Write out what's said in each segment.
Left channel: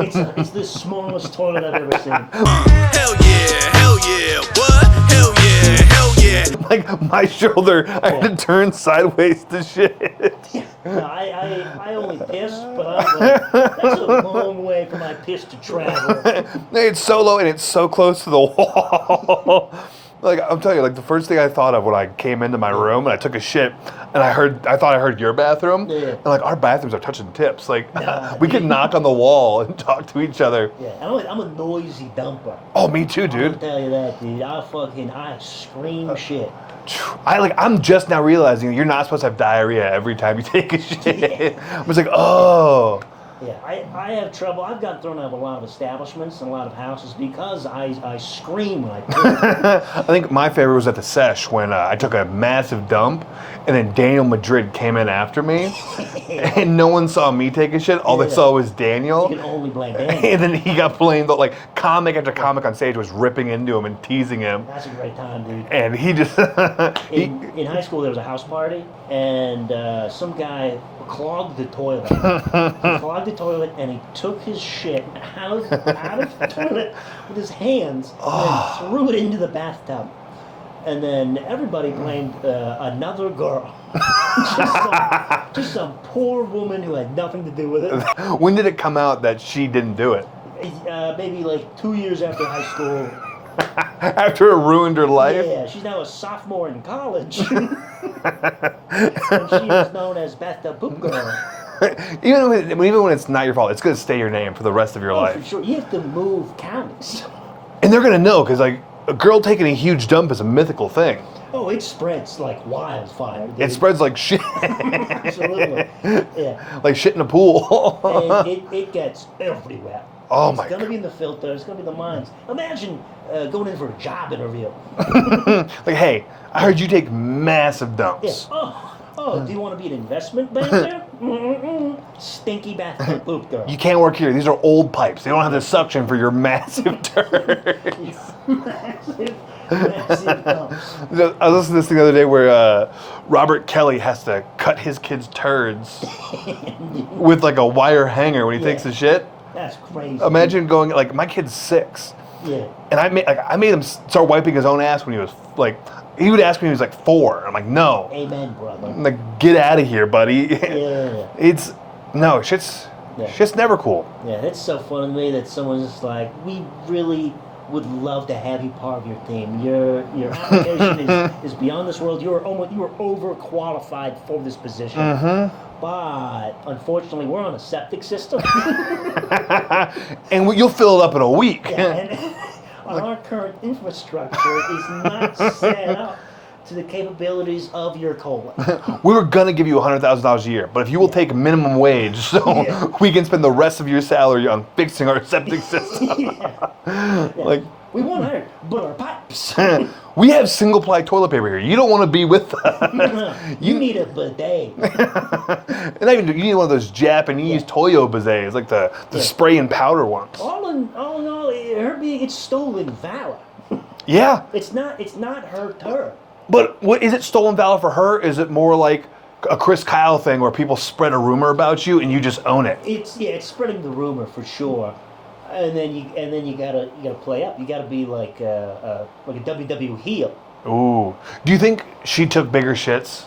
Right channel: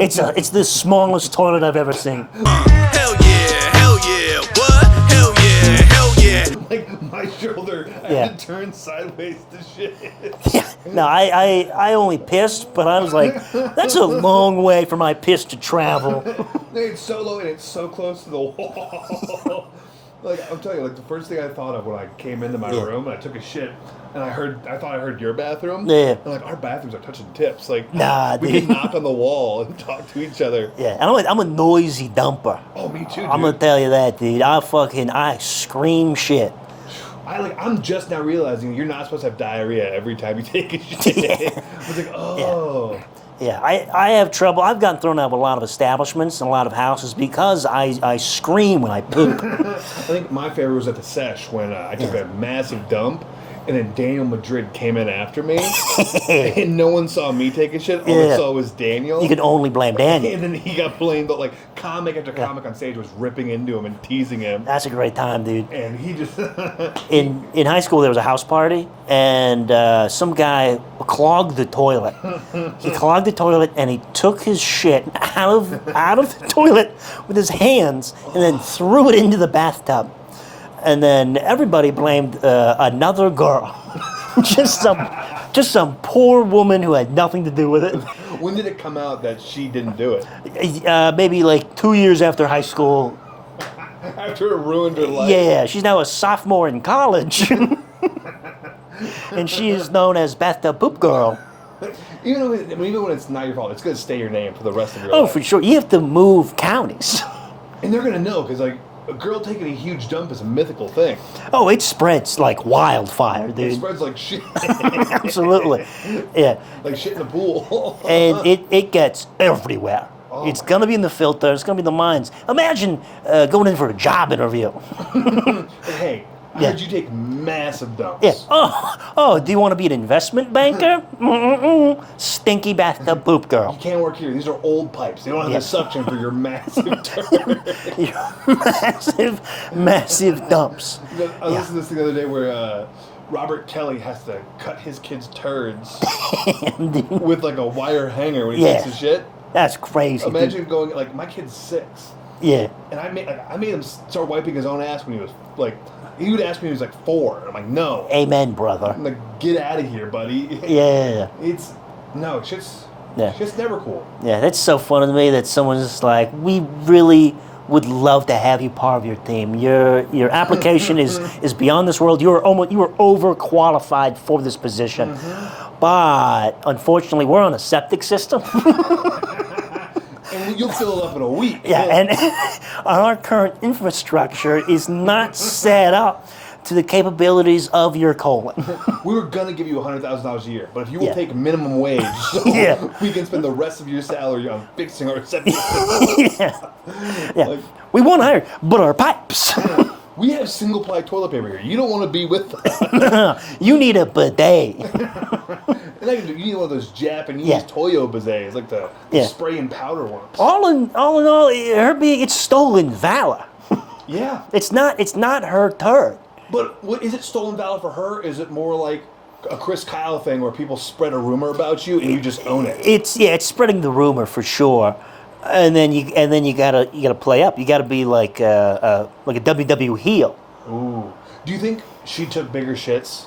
It's the smallest toilet I've ever seen. Hell yeah, what? Hell yeah. Like my shoulder, I had to turn sideways to shit. No, I only pissed, but I was like, that's a long way for my piss to travel. It's so low and it's so close to the wall. Like, I'm telling you, like, the first thing I thought of when I came into my room and I took a shit, and I thought I heard your bathroom. Yeah. And, like, our bathrooms are touching tips. Like, Nah, we dude. could knock on the wall and talk to each other. Yeah, and I'm a noisy dumper. Oh, me too, dude. I'm gonna tell you that, dude. I scream shit. I'm just now realizing you're not supposed to have diarrhea every time you take a shit. Yeah. I was like, oh. Yeah, I have trouble. I've gotten thrown out of a lot of establishments and a lot of houses because I scream when I poop. I think my favorite was at the Sesh when I took a massive dump, and then Daniel Madrid came in after me, and no one saw me take a shit. All they saw was Daniel. You can only blame Daniel. And then he got blamed. Like, comic after comic on stage was ripping into him and teasing him. That's a great time, dude. And he just... In high school, there was a house party, and some guy clogged the toilet. He clogged the toilet, and he took his shit out of the toilet with his hands, and then threw it into the bathtub. And then everybody blamed another girl. just some poor woman who had nothing to do with it. When did it come out that she didn't do it? Maybe like 2 years after high school. After it ruined her life? Yeah, she's now a sophomore in college. And she is known as Bathtub Poop Girl. Even when it's not your fault, it's going to stay your name for the rest of your Oh, life. for sure. You have to move counties. And they're going to know, because, like, a girl taking a huge dump is a mythical thing. Oh, it spreads like wildfire, dude. It spreads like shit. Absolutely. Yeah. Like shit in a pool. And it gets everywhere. Oh It's my going to be in the filter. It's going to be in the mines. Imagine going in for a job interview. Like, hey, I heard you take massive dumps. Yeah. Oh, do you want to be an investment banker? Stinky bathtub poop girl. You can't work here. These are old pipes. They don't have the suction for your massive turd. massive dumps. I was listening to this thing the other day where Robert Kelly has to cut his kid's turds with like a wire hanger when he takes a shit. That's crazy. Imagine going, like, my kid's 6. Yeah. And I made him start wiping his own ass when he was like, he would ask me when he was like 4. I'm like, no. Amen, brother. I'm like, get out of here, buddy. Yeah. Shit's never cool. Yeah, that's so funny to me that someone's just like, we really would love to have you part of your team. Your application is beyond this world. You are overqualified for this position. But unfortunately, we're on a septic system. And you'll fill it up in a week. Yeah, and our current infrastructure is not set up to the capabilities of your colon. We were gonna give you $100,000 a year, but if you will take minimum wage, so we can spend the rest of your salary on fixing our septic system. Yeah. Like, we won't hire, but our pipes. We have single-ply toilet paper here. You don't want to be with us. You need a bidet. And you need one of those Japanese Toyo bidets, like the spray and powder ones. All in all, it's stolen valor. Yeah. It's not her turd. But what is it stolen valor for her? Is it more like a Chris Kyle thing where people spread a rumor about you and you just own it? It's spreading the rumor for sure. And then you gotta play up. You gotta be like a WWE heel. Ooh. Do you think she took bigger shits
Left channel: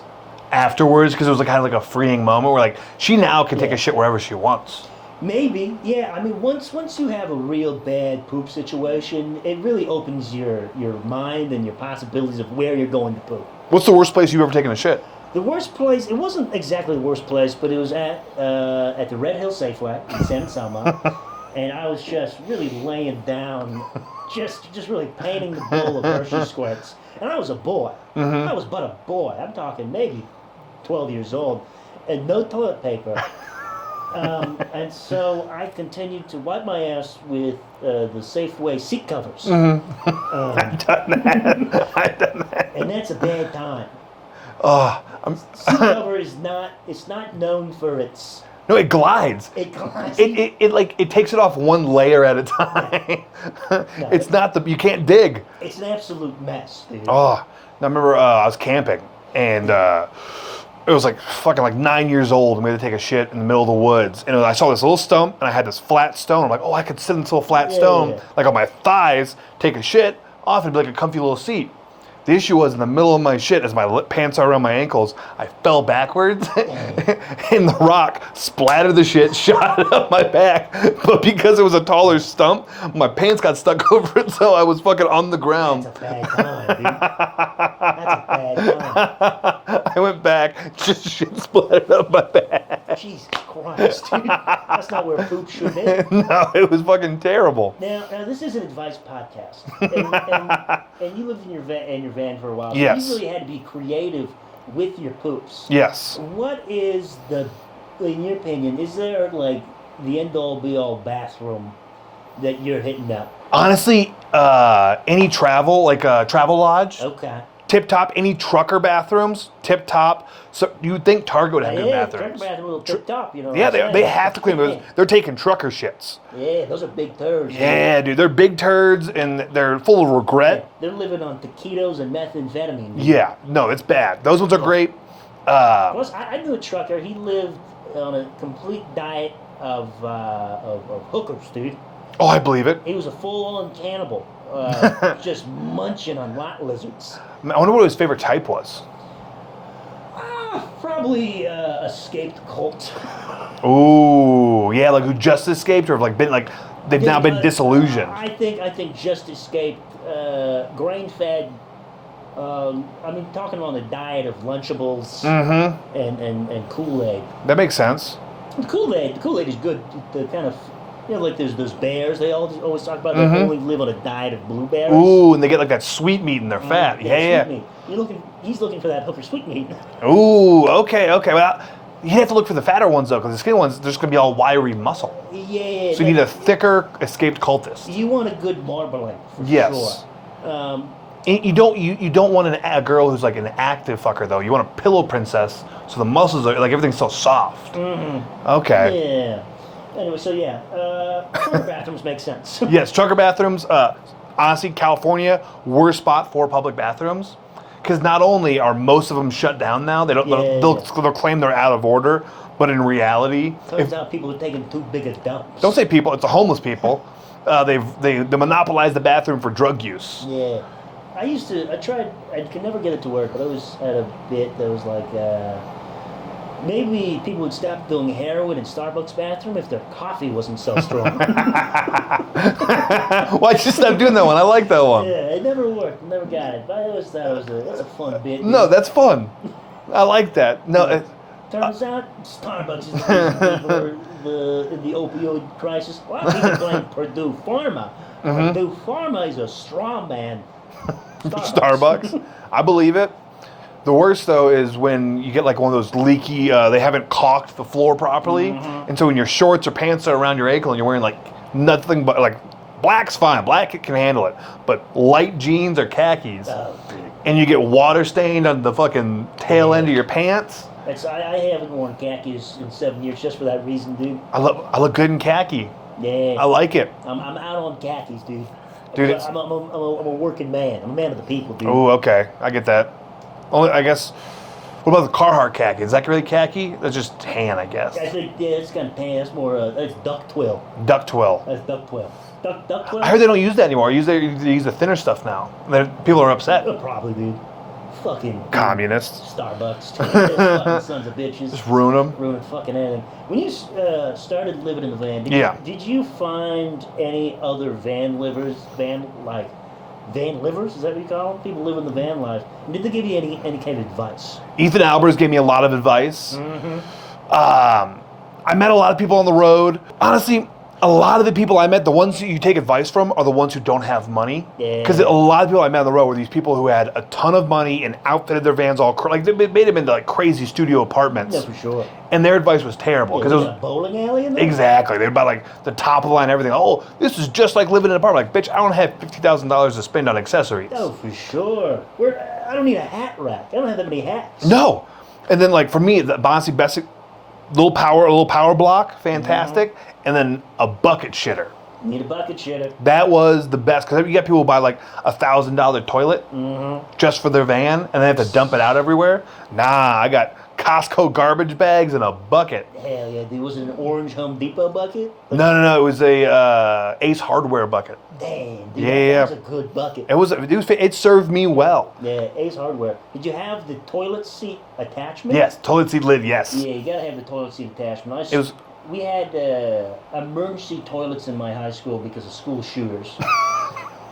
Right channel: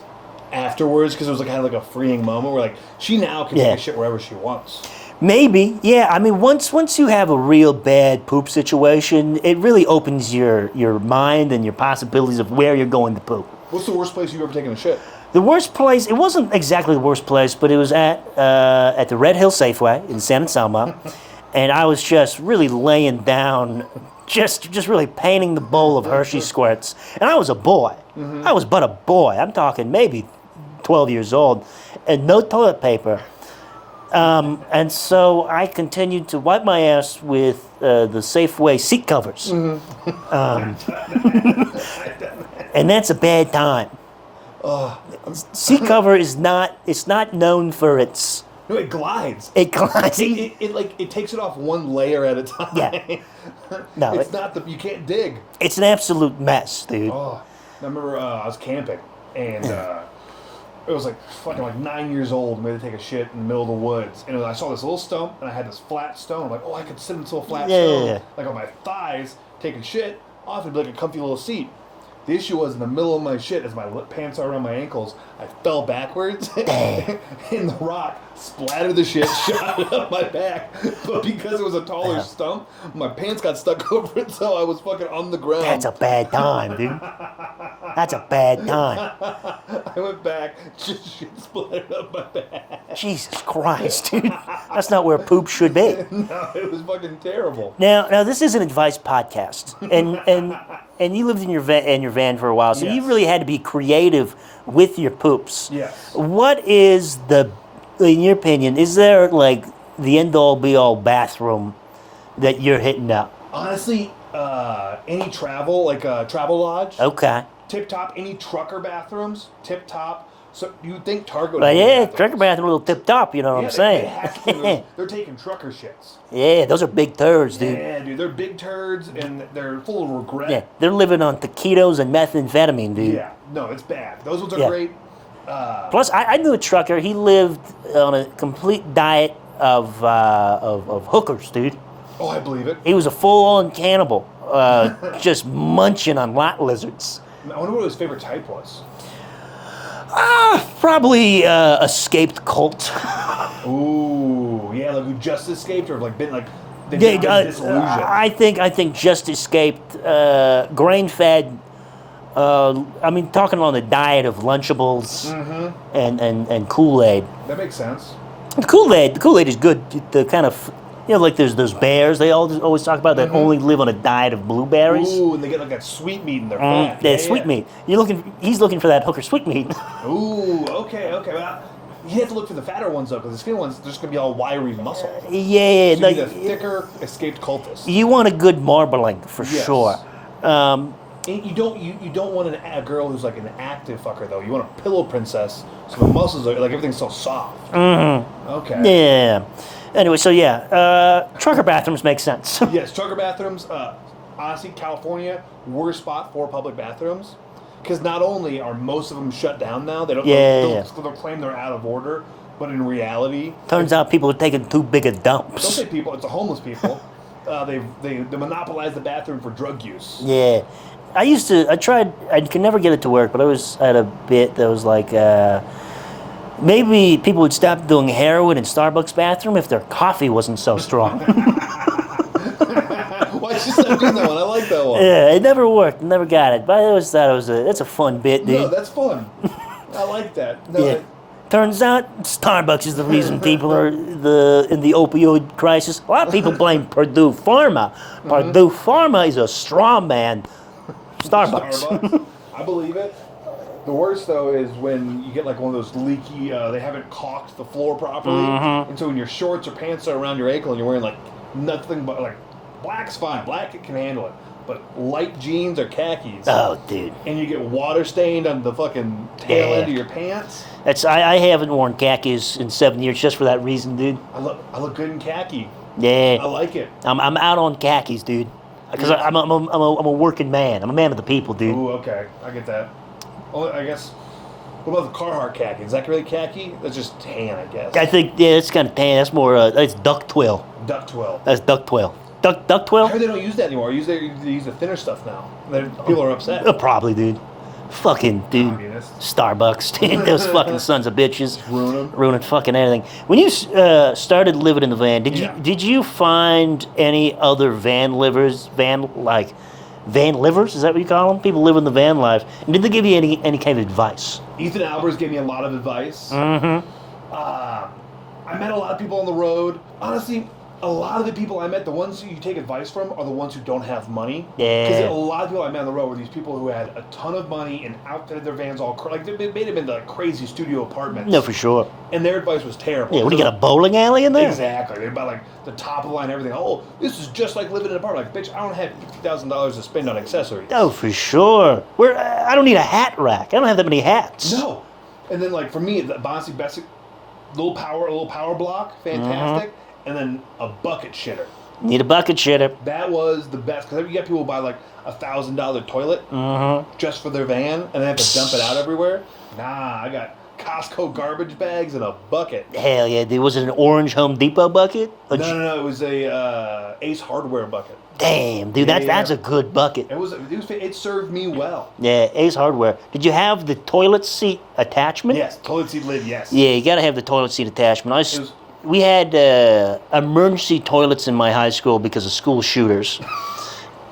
afterwards because it was like kind of like a freeing moment where like she now can take a shit wherever she wants? Maybe, yeah. I mean, once you have a real bad poop situation, it really opens your mind and your possibilities of where you're going to poop. What's the worst place you've ever taken a shit? The worst place, it wasn't exactly the worst place, but it was at the Red Hill Safeway in San Anselmo. And I was just really laying down, just really painting the bowl of Hershey squirts. And I was a boy. I was but a boy. I'm talking maybe 12 years old. And no toilet paper. And so I continued to wipe my ass with the Safeway seat covers. I've done that. And that's a bad time. Seat cover is not known for its... No, it glides. It glides. It takes it off one layer at a time. Yeah. No, it's not you can't dig. It's an absolute mess, dude. Oh, I remember I was camping and it was like fucking like 9 years old, and we had to take a shit in the middle of the woods. And I saw this little stump, and I had this flat stone. I'm like, oh, I could sit in this little flat stone, like on my thighs, take a shit off, and be like a comfy little seat. The issue was in the middle of my shit, as my pants are around my ankles, I fell backwards, and the rock splattered the shit, shot it up my back. But because it was a taller stump, my pants got stuck over it, so I was fucking on the ground. That's a bad time, dude. That's a bad time. I went back, just shit splattered up my back. Jesus Christ, dude. That's not where poop should be. No, it was fucking terrible. Now this is an advice podcast, and you lived in your van for a while, so Yes. you really had to be creative with your poops. Yes. What is in your opinion, is there like the end-all be-all bathroom that you're hitting up? Honestly, any travel, like a travel lodge, Okay. tip top. Any trucker bathrooms, tip top. So you would think Target would have good Yeah, bathrooms. trucker bathroom, a little tip top, you know what Yeah, I'm saying? they have to clean those. They're taking trucker shits. Yeah, those are big turds, dude. Yeah, dude, they're big turds and they're full of Yeah, regret. they're living on taquitos and methamphetamine, dude. Yeah, no, it's bad. Those ones are Yeah. great. Plus, I knew a trucker. He lived on a complete diet of hookers, dude. Oh, I believe it. He was a full-on cannibal, just munching on lot lizards. I wonder what his favorite type was. Probably escaped cult. Ooh, yeah, like who just escaped or like been like they've now been disillusioned. I think just escaped grain-fed. I mean, talking on the diet of Lunchables and Kool-Aid. That makes sense. The Kool-Aid is good. The kind of, like there's those bears they always talk about that only live on a diet of blueberries. Ooh, and they get like that sweet meat in their fat. Sweet meat. He's looking for that hooker sweet meat. Ooh, okay. Well, you have to look for the fatter ones though, because the skinny ones, they're just gonna be all wiry muscle. Yeah. So you need a thicker escaped cultist. You want a good marbling for sure. And you don't want a girl who's like an active fucker though. You want a pillow princess, so the muscles are like everything's so soft. Mm-hmm. Okay. Yeah. Anyway, so trucker bathrooms make sense. Yes, trucker bathrooms. Honestly, California, worst spot for public bathrooms, because not only are most of them shut down now, they'll claim they're out of order, but in reality, turns out people are taking too big a dumps. Don't say people; it's the homeless people. They monopolize the bathroom for drug use. Yeah. I could never get it to work, but I was at a bit that was like, maybe people would stop doing heroin in Starbucks bathroom if their coffee wasn't so strong. Why you stop doing that one? I like that one. Yeah, it never worked. Never got it. But I always thought it's a fun bit. Dude. No, that's fun. I like that. No, Yeah. Turns out Starbucks is the reason people are in the opioid crisis. A lot of people blame Purdue Pharma. Purdue Pharma is a straw man. Starbucks. I believe it. The worst though is when you get like one of those leaky. They haven't caulked the floor properly, and so when your shorts or pants are around your ankle and you're wearing like nothing but like black's fine. Black can handle it, but light jeans or khakis. Oh, dude. And you get water stained on the fucking tail end of your pants. I haven't worn khakis in 7 years just for that reason, dude. I look good in khaki. Yeah. I like it. I'm out on khakis, dude. Because I'm a working man. I'm a man of the people, dude. Oh, okay. I get that. Only, I guess. What about the Carhartt khaki? Is that really khaki? That's just tan, I guess. I think it's kind of tan. That's more. That's duck twill. Duck twill. That's duck twill. Duck twill. I heard they don't use that anymore. They use the thinner stuff now. People are upset. Probably, dude. Fucking Communists. Starbucks, dude. Those fucking sons of bitches. Just ruin them. Ruining fucking anything. When you started living in the van, did you find any other van livers? Van livers? Is that what you call them? People live in the van life. And did they give you any kind of advice? Ethan Albers gave me a lot of advice. Mm-hmm. I met a lot of people on the road. Honestly, a lot of the people I met, the ones that you take advice from, are the ones who don't have money. Yeah. Because a lot of people I met on the road were these people who had a ton of money and outfitted their vans all like they made them into like crazy studio apartments. No, for sure. And their advice was terrible. Yeah, we got a bowling alley in there? Exactly. They're about like the top of the line, everything. Oh, this is just like living in an apartment. Like, bitch, I don't have $50,000 to spend on accessories. Oh, for sure. I don't need a hat rack. I don't have that many hats. No. And then like for me, the Bonsi Bessic, little power block, fantastic. Mm-hmm. And then a bucket shitter. Need a bucket shitter. That was the best because you get people who buy like $1,000 toilet just for their van and they have to dump it out everywhere. Nah, I got Costco garbage bags in a bucket. Hell yeah, dude. Was it an orange Home Depot bucket? No. It was a Ace Hardware bucket. Damn, dude, Yeah, that's a good bucket. It served me well. Yeah, Ace Hardware. Did you have the toilet seat attachment? Yes, toilet seat lid. Yes. Yeah, you gotta have the toilet seat attachment. was- We had emergency toilets in my high school because of school shooters. Did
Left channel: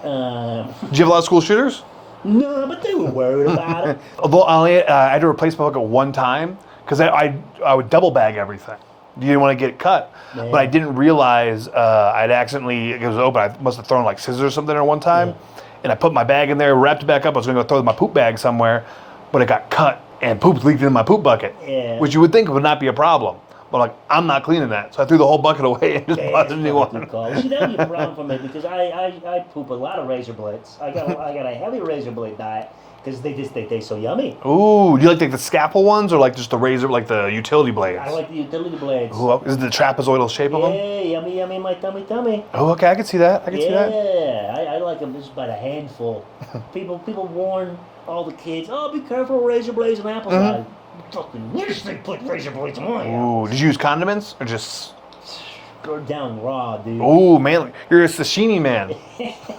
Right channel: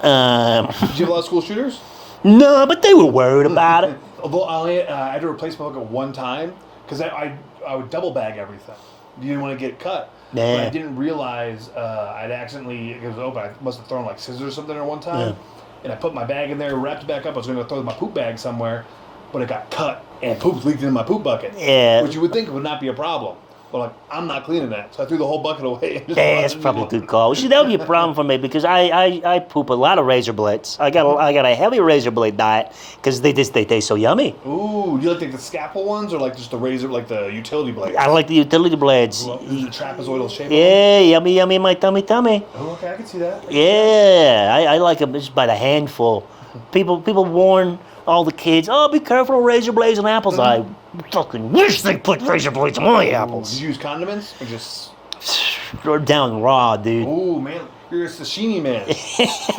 you have a lot of school shooters? No, but they were worried about it. Although I had to replace my bucket one time because I would double bag everything. You didn't want to get cut. Yeah. But I didn't realize I'd accidentally, it was open, I must have thrown like scissors or something at one time. Yeah. And I put my bag in there, wrapped it back up. I was going to go throw my poop bag somewhere, but it got cut and poop leaked in my poop bucket. Yeah. Which you would think would not be a problem. But like, I'm not cleaning that. So I threw the whole bucket away and just Yeah, that's watched me probably a walk. good call. See, that would be a problem for me because I poop a lot of razor blades. I got a heavy razor blade diet because they taste so yummy. Ooh, do you like the scalpel ones or like just the razor, like the utility blades? I like the utility blades. Ooh, is it the trapezoidal shape of them? Yeah, yummy, yummy in my tummy. Oh, okay, I can see that. I can see that. Yeah, I like them just by the handful. People warn all the kids, oh, be careful of razor blades and apples. I fucking wish they put razor blades on my Ooh, apples. did you use condiments or just? Down raw, dude. Oh man, you're a sashimi man.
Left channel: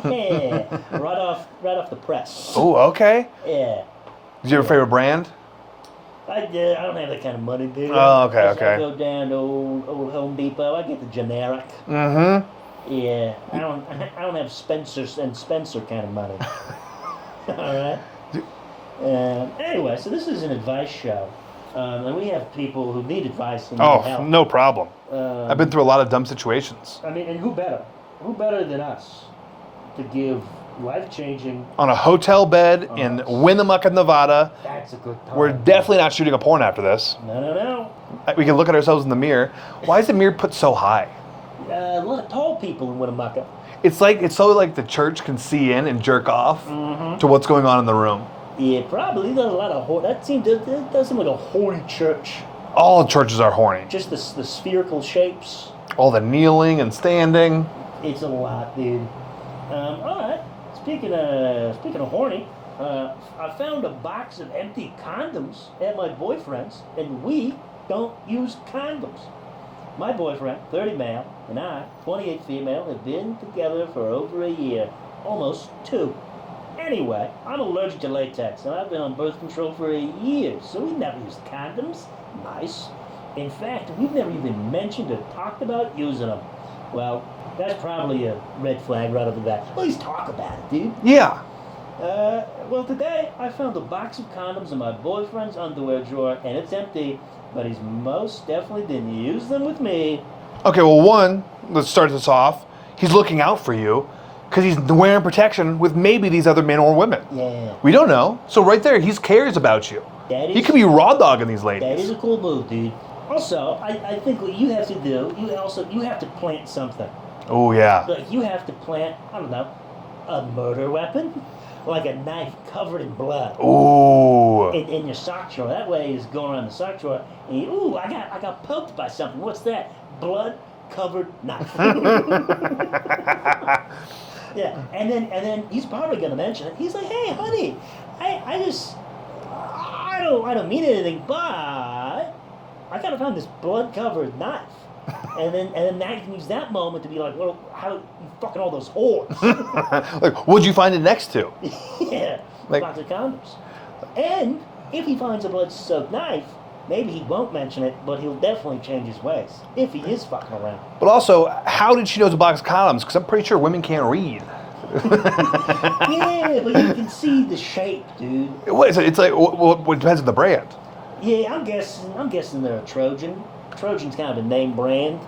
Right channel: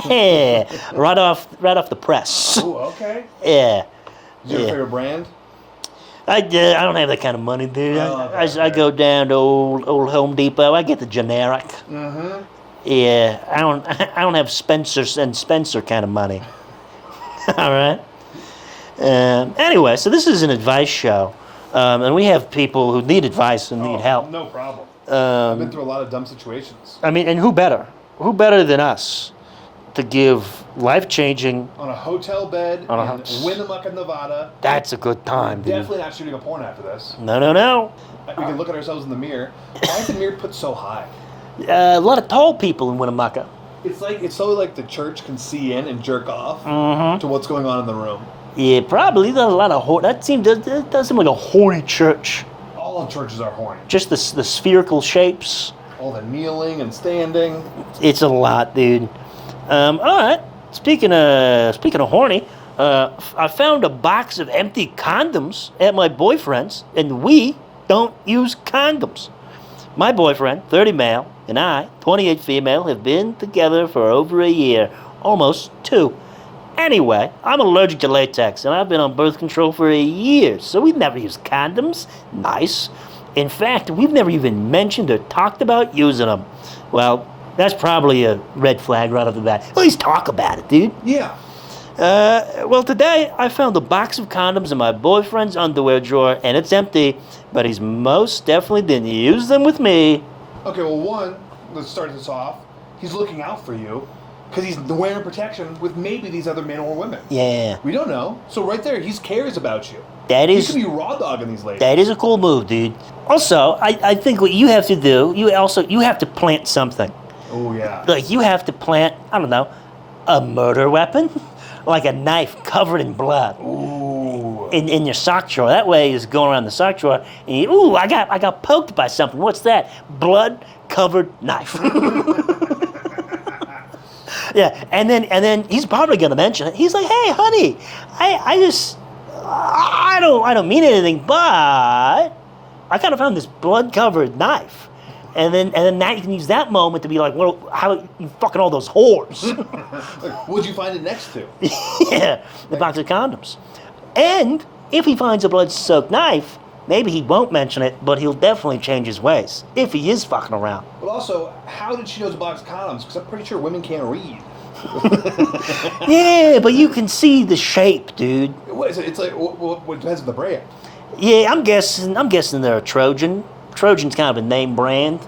Yeah, right off the press. Oh, okay. Yeah. Is your favorite brand? I don't have that kind of money, dude. Oh, okay, I okay. go down to old Home Depot. I get the generic. Mm-hmm. Yeah, I don't have Spencer kind of money. All right. Anyway, so this is an advice show, and we have people who need advice and need help. No problem. I've been through a lot of dumb situations. I mean, and who better? Who better than us to give life-changing? On a hotel bed in Winnimucka, Nevada. That's a good time. We're dude. definitely not shooting a porn after this. No. We can look at ourselves in the mirror. Why is the mirror put so high? A lot of tall people in Winnimucka. It's so like the church can see in and jerk off to what's going on in the room. Yeah, probably. There's a lot of that does seem like a horny church. All churches are horny. Just the spherical shapes. All the kneeling and standing. It's a lot, dude. All right. Speaking of horny, I found a box of empty condoms at my boyfriend's, and we don't use condoms. My boyfriend, 30 male, and I, 28 female, have been together for over a year, almost 2. Anyway, I'm allergic to latex, and I've been on birth control for a year, so we've never used condoms. Nice. In fact, we've never even mentioned or talked about using them. Well, that's probably a red flag right off the bat. At least talk about it, dude. Yeah. Well, today I found a box of condoms in my boyfriend's underwear drawer, and it's empty, but he's most definitely didn't use them with me. Okay, well, one, let's start this off. He's looking out for you because he's wearing protection with maybe these other men or women. Yeah. We don't know. So right there, he cares about you. He could be raw dogging these ladies. That is a cool move, dude. Also, I think what you have to do, you have to plant something. Oh, yeah. Like, you have to plant, I don't know, a murder weapon? Like a knife covered in blood. Ooh. In your sock drawer. That way is going around the sock drawer and you, I got poked by something. What's that? Blood covered knife. Yeah, and then he's probably gonna mention it. He's like, hey honey, I don't mean anything, but I kind of found this blood covered knife. And then that you can use that moment to be like, well, how you fucking all those whores? Like, what'd you find it next to? Yeah, a box of condoms. And if he finds a blood-soaked knife, maybe he won't mention it, but he'll definitely change his ways if he is fucking around. But also, how did she know it's a box of condoms? Because I'm pretty sure women can't read. Yeah, but you can see the shape, dude. What is it? It's like, well, it depends on the brand. Yeah, I'm guessing they're a Trojan. Trojan's kind of a name brand.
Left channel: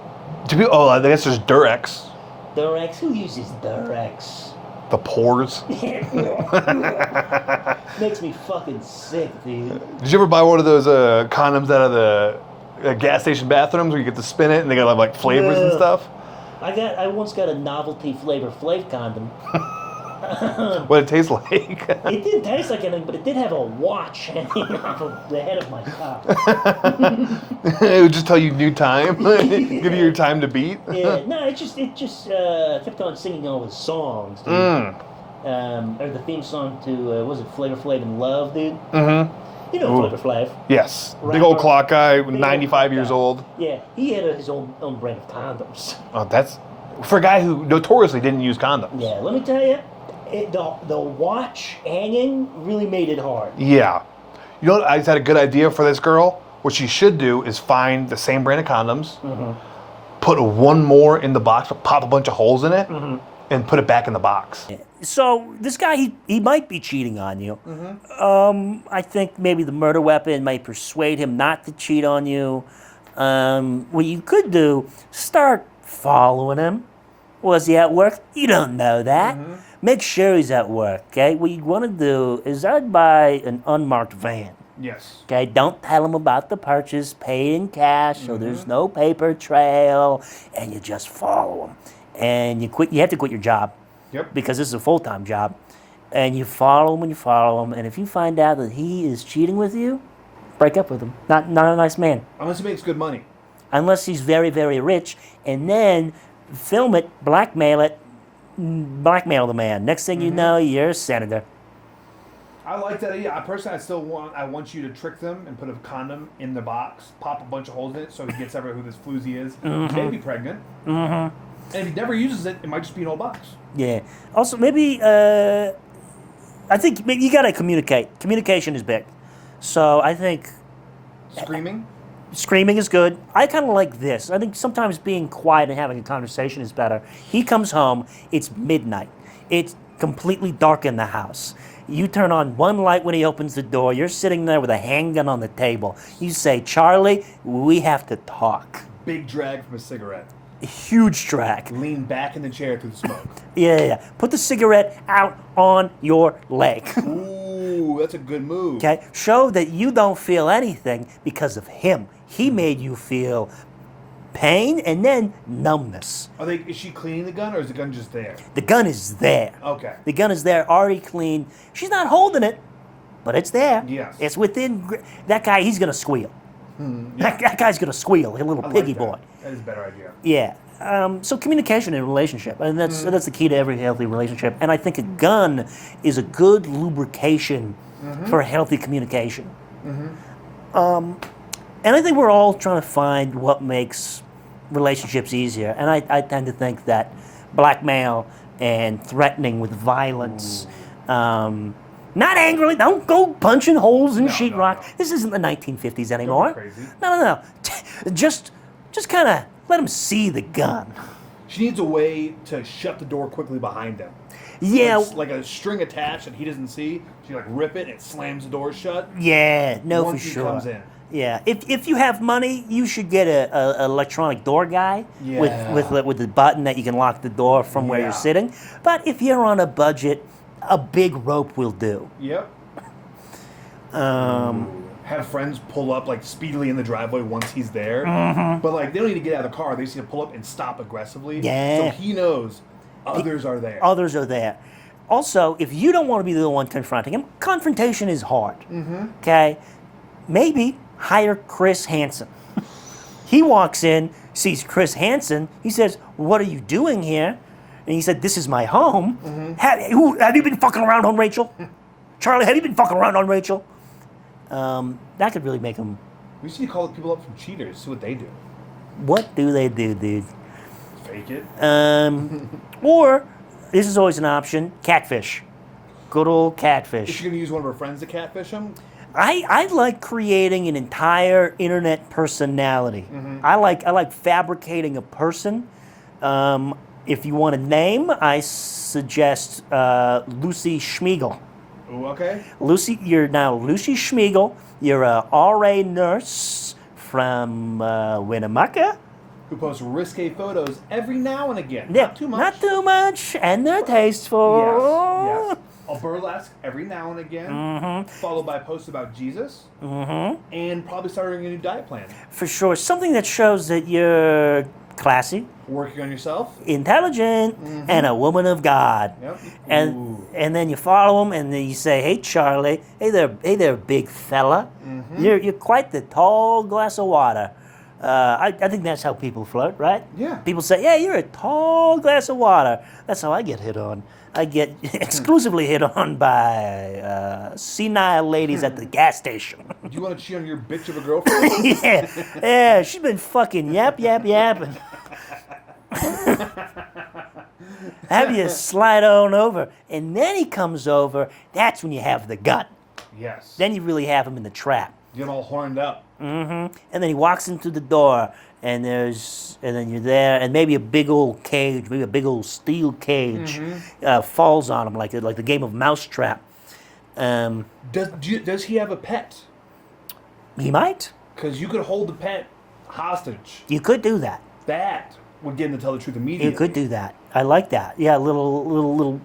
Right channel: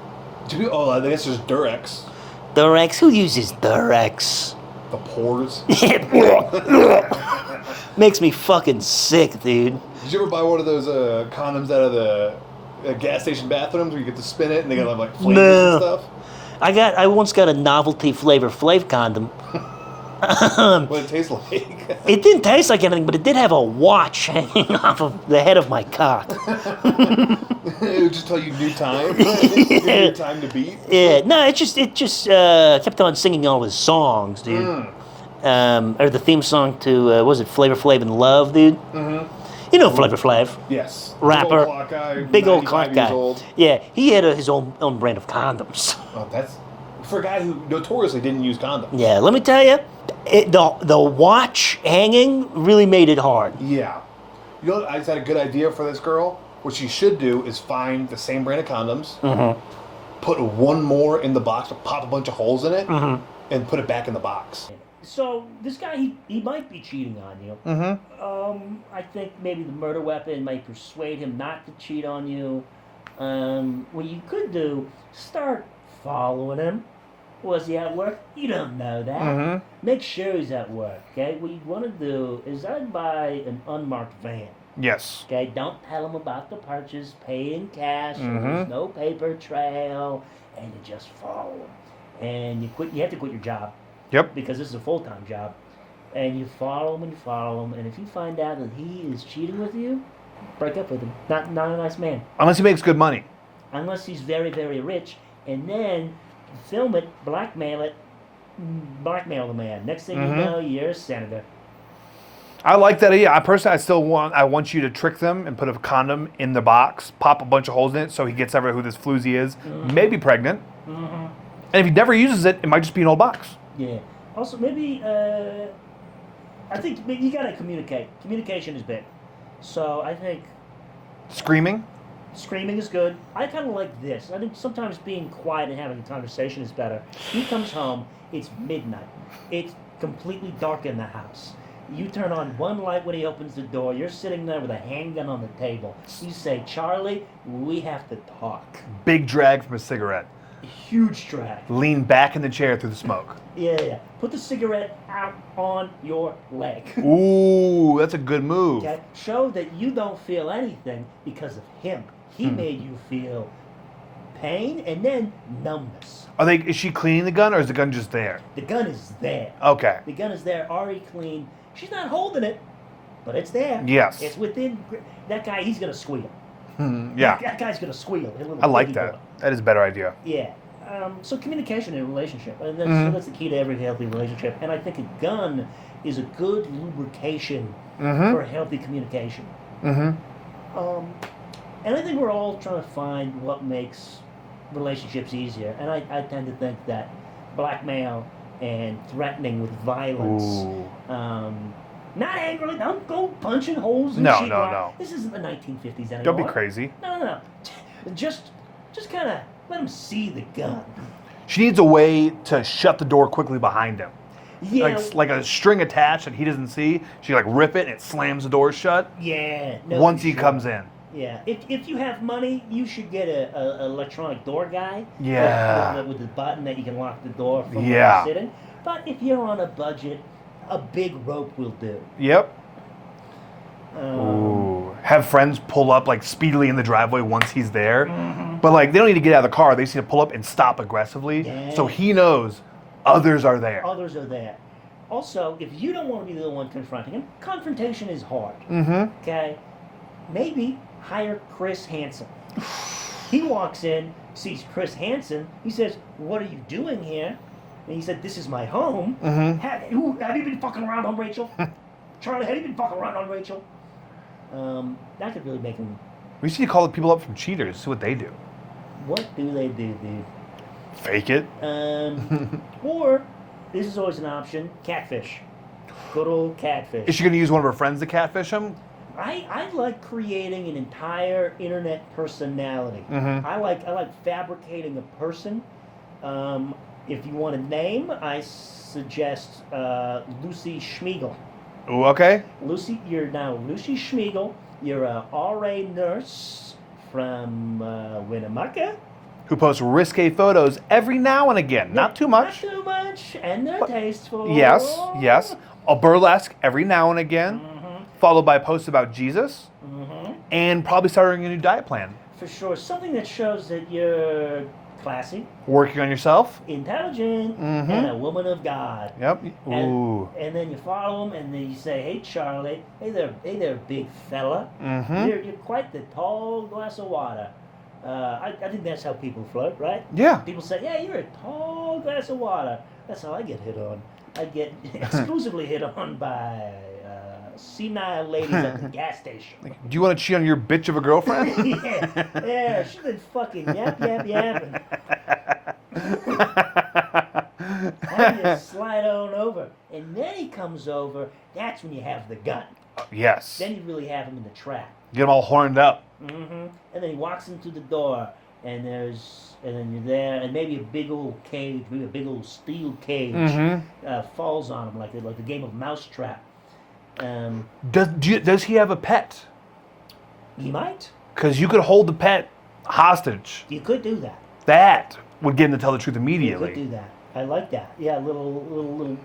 I guess there's Durex. Durex? Who uses Durex? The pores. Makes me fucking sick, dude. Did you ever buy one of those condoms out of the gas station bathrooms where you get to spin it and they got like flavors and stuff? I once got a novelty Flavor Flav condom. What it tastes like? It didn't taste like anything, but it did have a watch hanging off of the head of my cock. It would just tell you new time. Give you your time to beat. Yeah, no, it just kept on singing all his songs, dude. Or the theme song to was it Flavor Flav in Love, dude? Mm-hmm. You know Flavor Flav. Yes. Big Rapper. old clock guy, Big old 95 clock years guy. old. Yeah, he had his own brand of condoms. Oh, that's for a guy who notoriously didn't use condoms. Yeah, let me tell you, the watch hanging really made it hard. Yeah. You know, I just had a good idea for this girl. What she should do is find the same brand of condoms, put one more in the box, pop a bunch of holes in it, and put it back in the box. So this guy, he might be cheating on you. I think maybe the murder weapon might persuade him not to cheat on you. What you could do, start following him. Was he at work? You don't know that. Make sure he's at work, okay? What you want to do is I'd buy an unmarked van. Yes. Okay, don't tell him about the purchase, pay in cash, so there's no paper trail, and you just follow him. And you have to quit your job. Yep. Because this is a full-time job. And you follow him, and if you find out that he is cheating with you, break up with him. Not a nice man. Unless he makes good money. Unless he's very, very rich, and then film it, blackmail the man. Next thing you know, you're a senator. I like that idea. I want you to trick them and put a condom in the box, pop a bunch of holes in it so he gets over who this floozy is, maybe pregnant. And if he never uses it, it might just be an old box. Yeah. Also, maybe, I think maybe you got to communicate. Communication is big. So I think Screaming? screaming is good. I kind of like this. I think sometimes being quiet and having a conversation is better. He comes home, it's midnight. It's completely dark in the house. You turn on one light when he opens the door. You're sitting there with a handgun on the table. You say, Charlie, we have to talk. Big drag from a cigarette. A huge track. Lean back in the chair through the smoke. Yeah. Put the cigarette out on your leg. Ooh, that's a good move. Okay? Show that you don't feel anything because of him. He made you feel pain and then numbness. Is she cleaning the gun or is the gun just there? The gun is there. Okay. The gun is there, already clean. She's not holding it, but it's there. Yes. It's within. That guy, he's going to squeal. Yeah. That guy's going to squeal, a little I like piggy that. boy. That is a better idea. Yeah. So communication in a relationship, and that's the key to every healthy relationship. And I think a gun is a good lubrication for a healthy communication. And I think we're all trying to find what makes relationships easier. And I tend to think that blackmail and threatening with violence, not angrily, don't go punching holes in sheetrock. No. This isn't the 1950s anymore. Don't be crazy. No. Just kind of let him see the gun. She needs a way to shut the door quickly behind him. Yeah. Like a string attached that he doesn't see. She rip it and it slams the door shut. Yeah. No. Once for he sure. comes in. Yeah. If you have money, you should get a electronic door guy. Yeah. With the button that you can lock the door from where you're sitting. But if you're on a budget, a big rope will do. Yep. Have friends pull up speedily in the driveway once he's there. But they don't need to get out of the car. They just need to pull up and stop aggressively. Yeah. So he knows others are there. Others are there. Also, if you don't want to be the one confronting him, confrontation is hard. Okay? Maybe hire Chris Hansen. He walks in, sees Chris Hansen. He says, "What are you doing here?" And he said, "This is my home." Have you been fucking around on Rachel? Charlie, have you been fucking around on Rachel? That could really make him... We should call the people up from cheaters, see what they do. What do they do, dude? Fake it. Or, this is always an option, catfish. Good old catfish. Is she going to use one of her friends to catfish him? I like creating an entire internet personality. I like fabricating a person. If you want a name, I suggest Lucy Schmiegel. Ooh, okay. Lucy, you're now Lucy Schmiegel. You're a RA nurse from Winnimucka. Who posts risque photos every now and again. Not too much. Not too much, and they're tasteful. Yes. A burlesque every now and again, followed by posts about Jesus, and probably starting a new diet plan. For sure. Something that shows that you're classy, Working on yourself. intelligent, and a woman of God. Yep. Ooh. And then you follow him, and then you say, "Hey, Charlie. Hey there, big fella. You're quite the tall glass of water. I think that's how people flirt, right? Yeah. People say, "Yeah, you're a tall glass of water." That's how I get hit on. I get exclusively hit on by senile ladies at the gas station. Do you want to cheat on your bitch of a girlfriend? yeah, she's been fucking yapping. Have you slide on over, and then he comes over. That's when you have the gun. Yes. Then you really have him in the trap. Get them all horned up. And then he walks into the door, and then you're there, and maybe a big old cage, maybe a big old steel cage, falls on him like the game of Mousetrap. Does he have a pet? He might. Because you could hold the pet hostage. You could do that. That would get him to tell the truth immediately. You could do that. I like that. Yeah, little.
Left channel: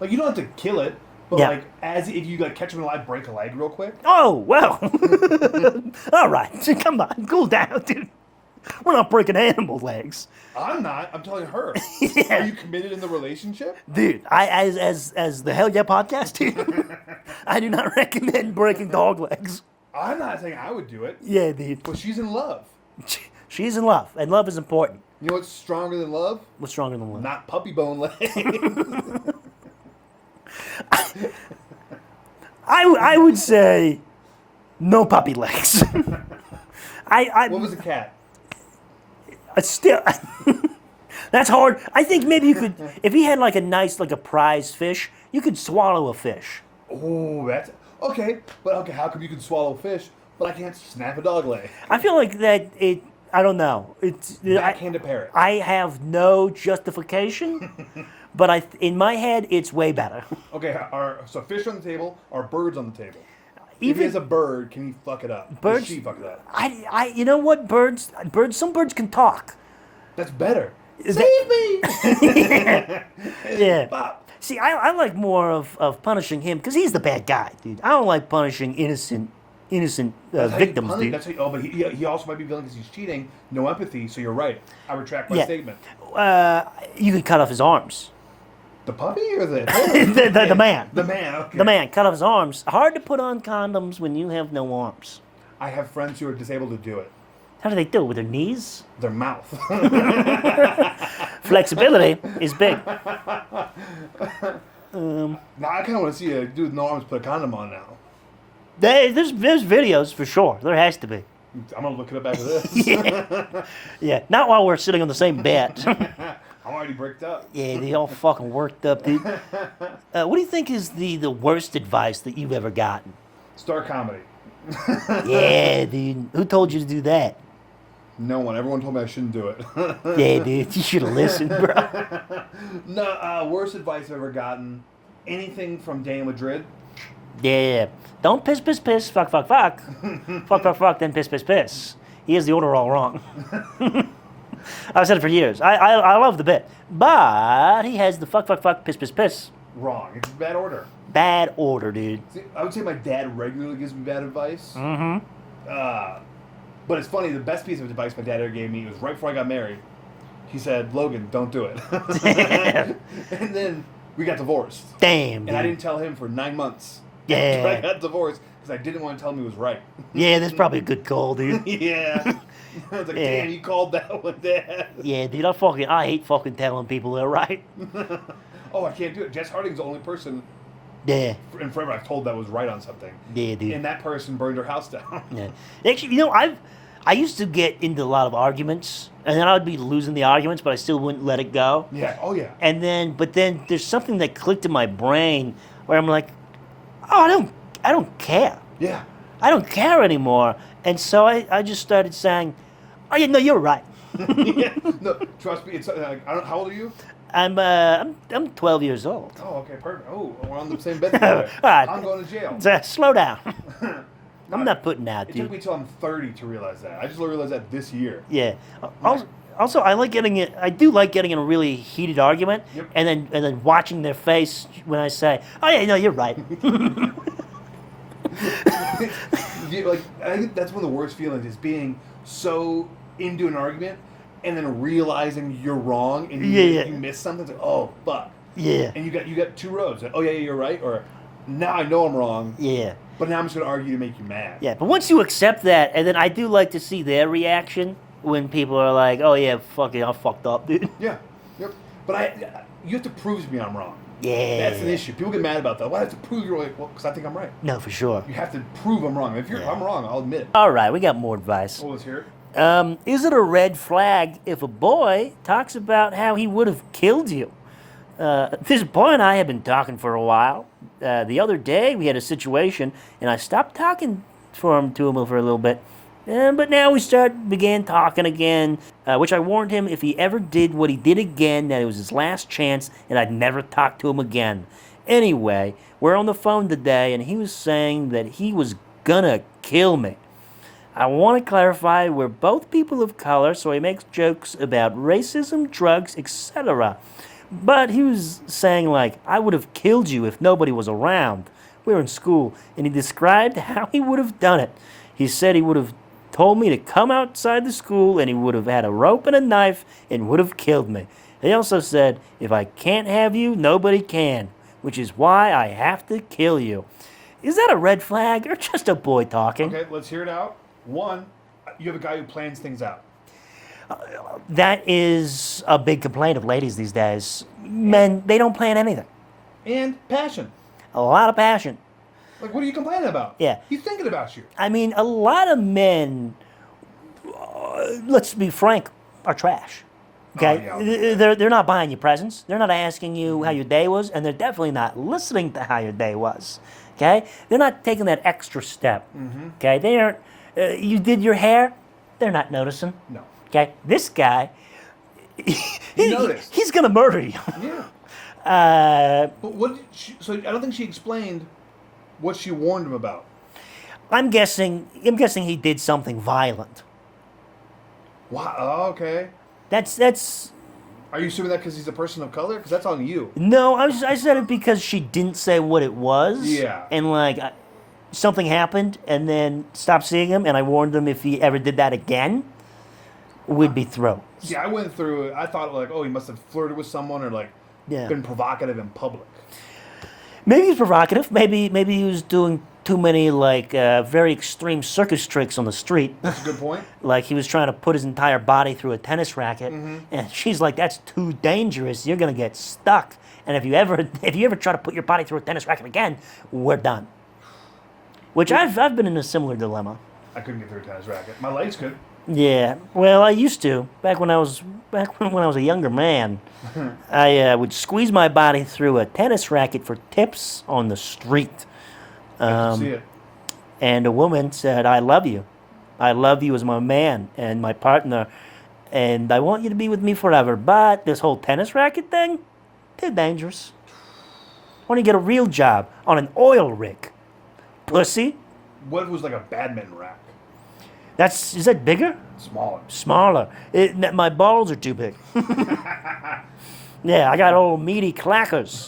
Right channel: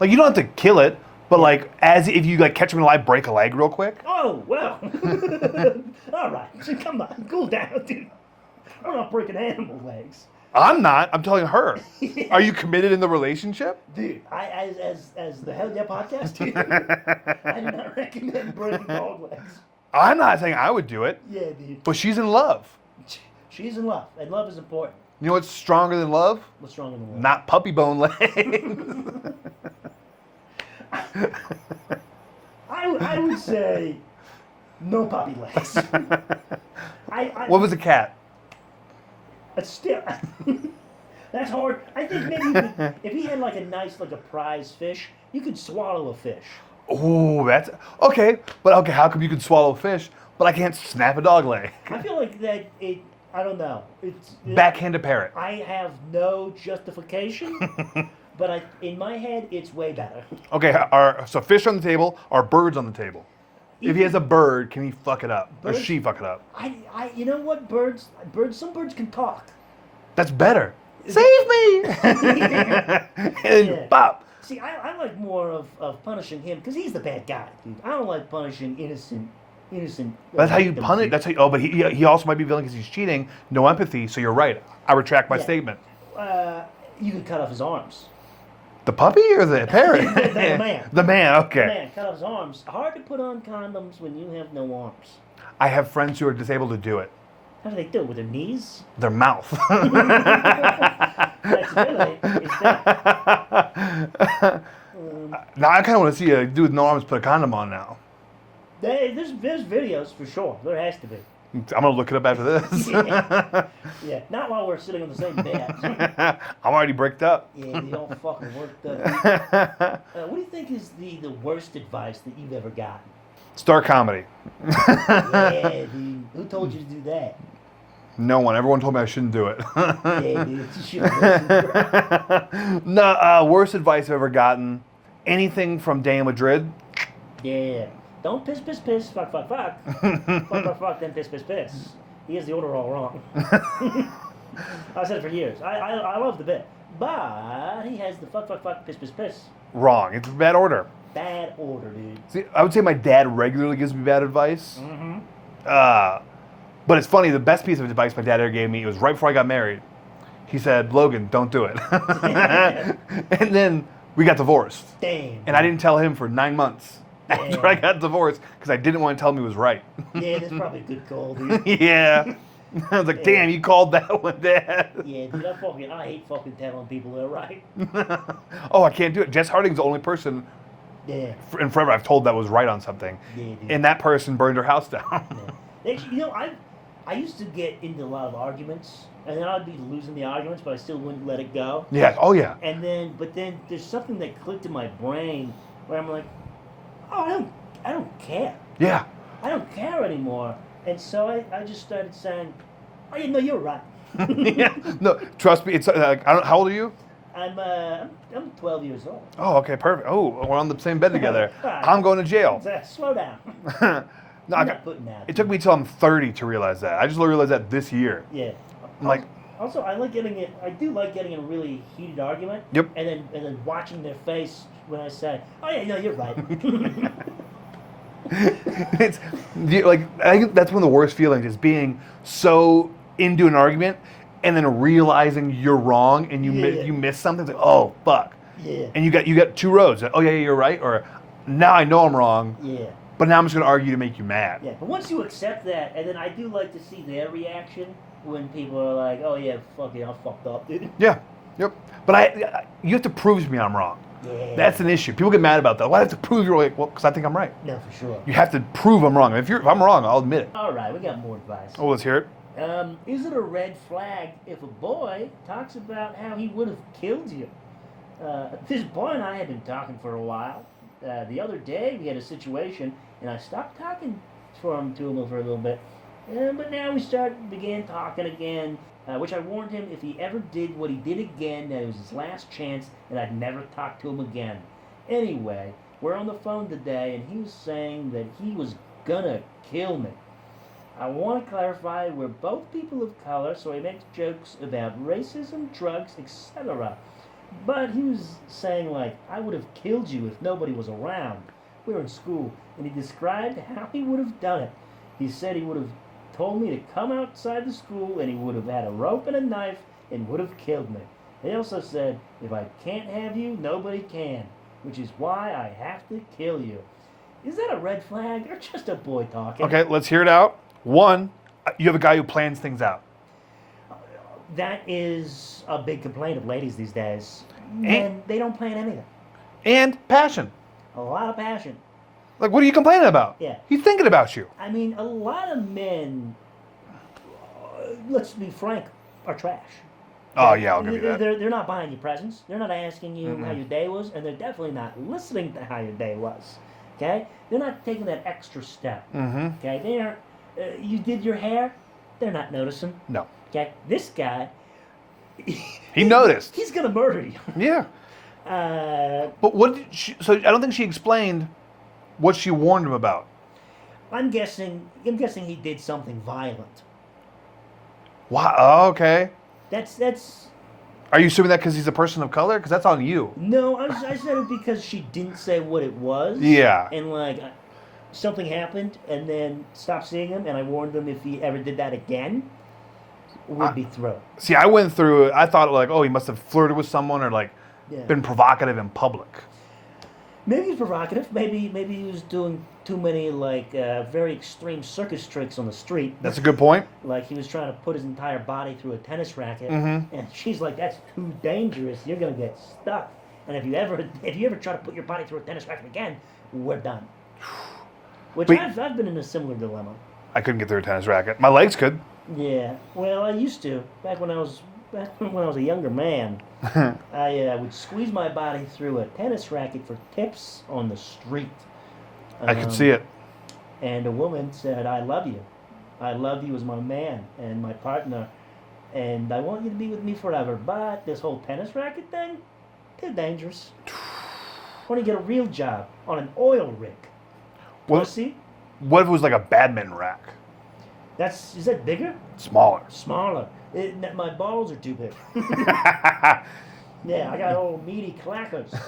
Like, you don't have to kill it, but Yeah. like, as if you like catch him alive, break a leg real quick. Oh well. All right, come on, cool down, dude. We're not breaking animal legs, I'm not. I'm telling her. Are you committed in the relationship? dude. As the Hell Yeah podcast, dude. I do not recommend breaking dog legs. I'm not saying I would do it, Yeah, dude. but she's in love. She's in love, and love is important. You know what's stronger than love? What's stronger than love? Not puppy bone leg. I would say no puppy legs. What was a cat? Still, that's hard. I think maybe you could, if he had like a prize fish, you could swallow a fish. Oh, that's okay. But okay, how come you can swallow a fish, but I can't snap a dog leg? I feel like that I don't know. It's Backhand a parrot. I have no justification, but in my head, it's way better. Okay, so fish on the table, are birds on the table? If he has a bird, can he fuck it up? Does Birds- she fuck it up? You know what? Some birds can talk. That's better. Is Save me! Yeah. Bop. See, I like more of punishing him because he's the bad guy, dude. I don't like punishing innocent That's how you victims, punish. dude. That's how. But he also might be villain because he's cheating. No empathy. So you're right. I retract my Yeah. statement. You could cut off his arms. The puppy or the parrot? The man. The man. Okay. The man, cut off his arms. Hard to put on condoms when you have no arms. I have friends who are disabled to do it. How do they do it? With their knees? Their mouth. Flexibility is big. Now I kind of want to see a dude with no arms put a condom on now. There's videos for sure. There has to be. I'm gonna look it up after this. Yeah, not while we're sitting on the same bed. I'm already bricked up. Yeah, they all fucking worked up, dude. What do you think is the worst advice that you've ever gotten? Start comedy. Yeah, dude. Who told you to do that? No one. Everyone told me I shouldn't do it. Yeah, dude. You should have listened, bro. No, worst advice I've ever gotten. Anything from Dan Madrid. Yeah. Don't piss, fuck, fuck, fuck. fuck, then piss. He has the order all wrong. I've said it for years. I love the bit. But he has the fuck, piss. Wrong. It's bad order. Bad order, dude. See, I would say my dad regularly gives me bad advice. Mm-hmm. But it's funny, the best piece of advice my dad ever gave me, it was right before I got married. He said, Logan, don't do it. And then we got divorced. Damn. And I didn't tell him for 9 months after I got divorced because I didn't want to tell him he was right. Yeah, that's probably a good call, dude. Yeah. I was like, Yeah. damn, you called that one, Dad. Yeah, dude, I hate fucking telling people they're right. Oh, I can't do it. Jess Harding's the only person Yeah. in forever I've told that was right on something. Yeah, dude. And that person burned her house down. Yeah. Actually, I used to get into a lot of arguments, and then I would be losing the arguments, but I still wouldn't let it go. Yeah. Oh, yeah. But then there's something that clicked in my brain where I'm like, oh, I don't care. Yeah. I don't care anymore. And so I just started saying, oh yeah, no, you're right. Yeah. No, trust me. It's how old are you? I'm 12 years old. Oh, okay, perfect. Oh, we're on the same bed together. All right. I'm going to jail. Slow down. No, I'm not putting that. It took me till I'm 30 to realize that. I just realized that this year. Yeah. like- Also, I do like getting in a really heated argument. Yep. And then watching their face when I say, "Oh yeah, no, you're right." I think that's one of the worst feelings is being so into an argument and then realizing you're wrong and you miss something. It's like, oh fuck. Yeah. And you got two roads. Oh yeah, you're right. Or now I know I'm wrong. Yeah. But now I'm just gonna argue to make you mad. Yeah. But once you accept that, and then I do like to see their reaction when people are like, "Oh yeah, fuck it, I fucked up, dude." Yeah. Yep. But you have to prove to me I'm wrong. Yeah. That's an issue. People get mad about that. Why do I have to prove you're right? Well, because I think I'm right. No, for sure. You have to prove I'm wrong. If I'm wrong, I'll admit it. All right, we got more advice. Oh, let's hear it. Is it a red flag if a boy talks about how he would have killed you? This boy and I have been talking for a while. The other day we had a situation, and I stopped talking to him for a little bit. But now we began talking again, which I warned him if he ever did what he did again, that it was his last chance, and I'd never talk to him again. Anyway, we're on the phone today, and he was saying that he was gonna kill me. I want to clarify we're both people of color, so he makes jokes about racism, drugs, etc. But he was saying, like, I would have killed you if nobody was around. We were in school, and he described how he would have done it. He said he would have told me to come outside the school, and he would have had a rope and a knife and would have killed me. He also said, if I can't have you, nobody can, which is why I have to kill you. Is that a red flag or just a boy talking? Okay, let's hear it out. One, you have a guy who plans things out. That is a big complaint of ladies these days. Men, they don't plan anything. And passion. A lot of passion. Like, what are you complaining about? Yeah. He's thinking about you. I mean, a lot of men, let's be frank, are trash. Oh, yeah, I'll give you that. They're not buying you presents. They're not asking you how your day was, and they're definitely not listening to how your day was. Okay? They're not taking that extra step. Okay? They aren't, you did your hair, they're not noticing. No. Okay? This guy, He noticed. He's going to murder you. Yeah. But what did so I don't think she explained what she warned him about. I'm guessing he did something violent. Wow. Oh, okay. That's. Are you assuming that because he's a person of color? Because that's on you. No, I said it because she didn't say what it was. Yeah. And like, something happened, and then stopped seeing him, and I warned him if he ever did that again, we'd be thrown. See, I went through it. I thought like, oh, he must have flirted with someone or like been provocative in public. Maybe he's provocative. Maybe he was doing too many like very extreme circus tricks on the street. That's a good point. Like he was trying to put his entire body through a tennis racket, and she's like, "That's too dangerous. You're gonna get stuck. And if you ever try to put your body through a tennis racket again, we're done." Which I've been in a similar dilemma. I couldn't get through a tennis racket. My legs could. Yeah, well, I used to back when I was a younger man. I would squeeze my body through a tennis racket for tips on the street. I can see it. And a woman said, "I love you. I love you as my man and my partner, and I want you to be with me forever. But this whole tennis racket thing, too dangerous. Why don't you get a real job on an oil rig, pussy?" What if it was like a badminton rack? Is that bigger? Smaller. Smaller. My balls are too big. Yeah, I got old meaty clackers.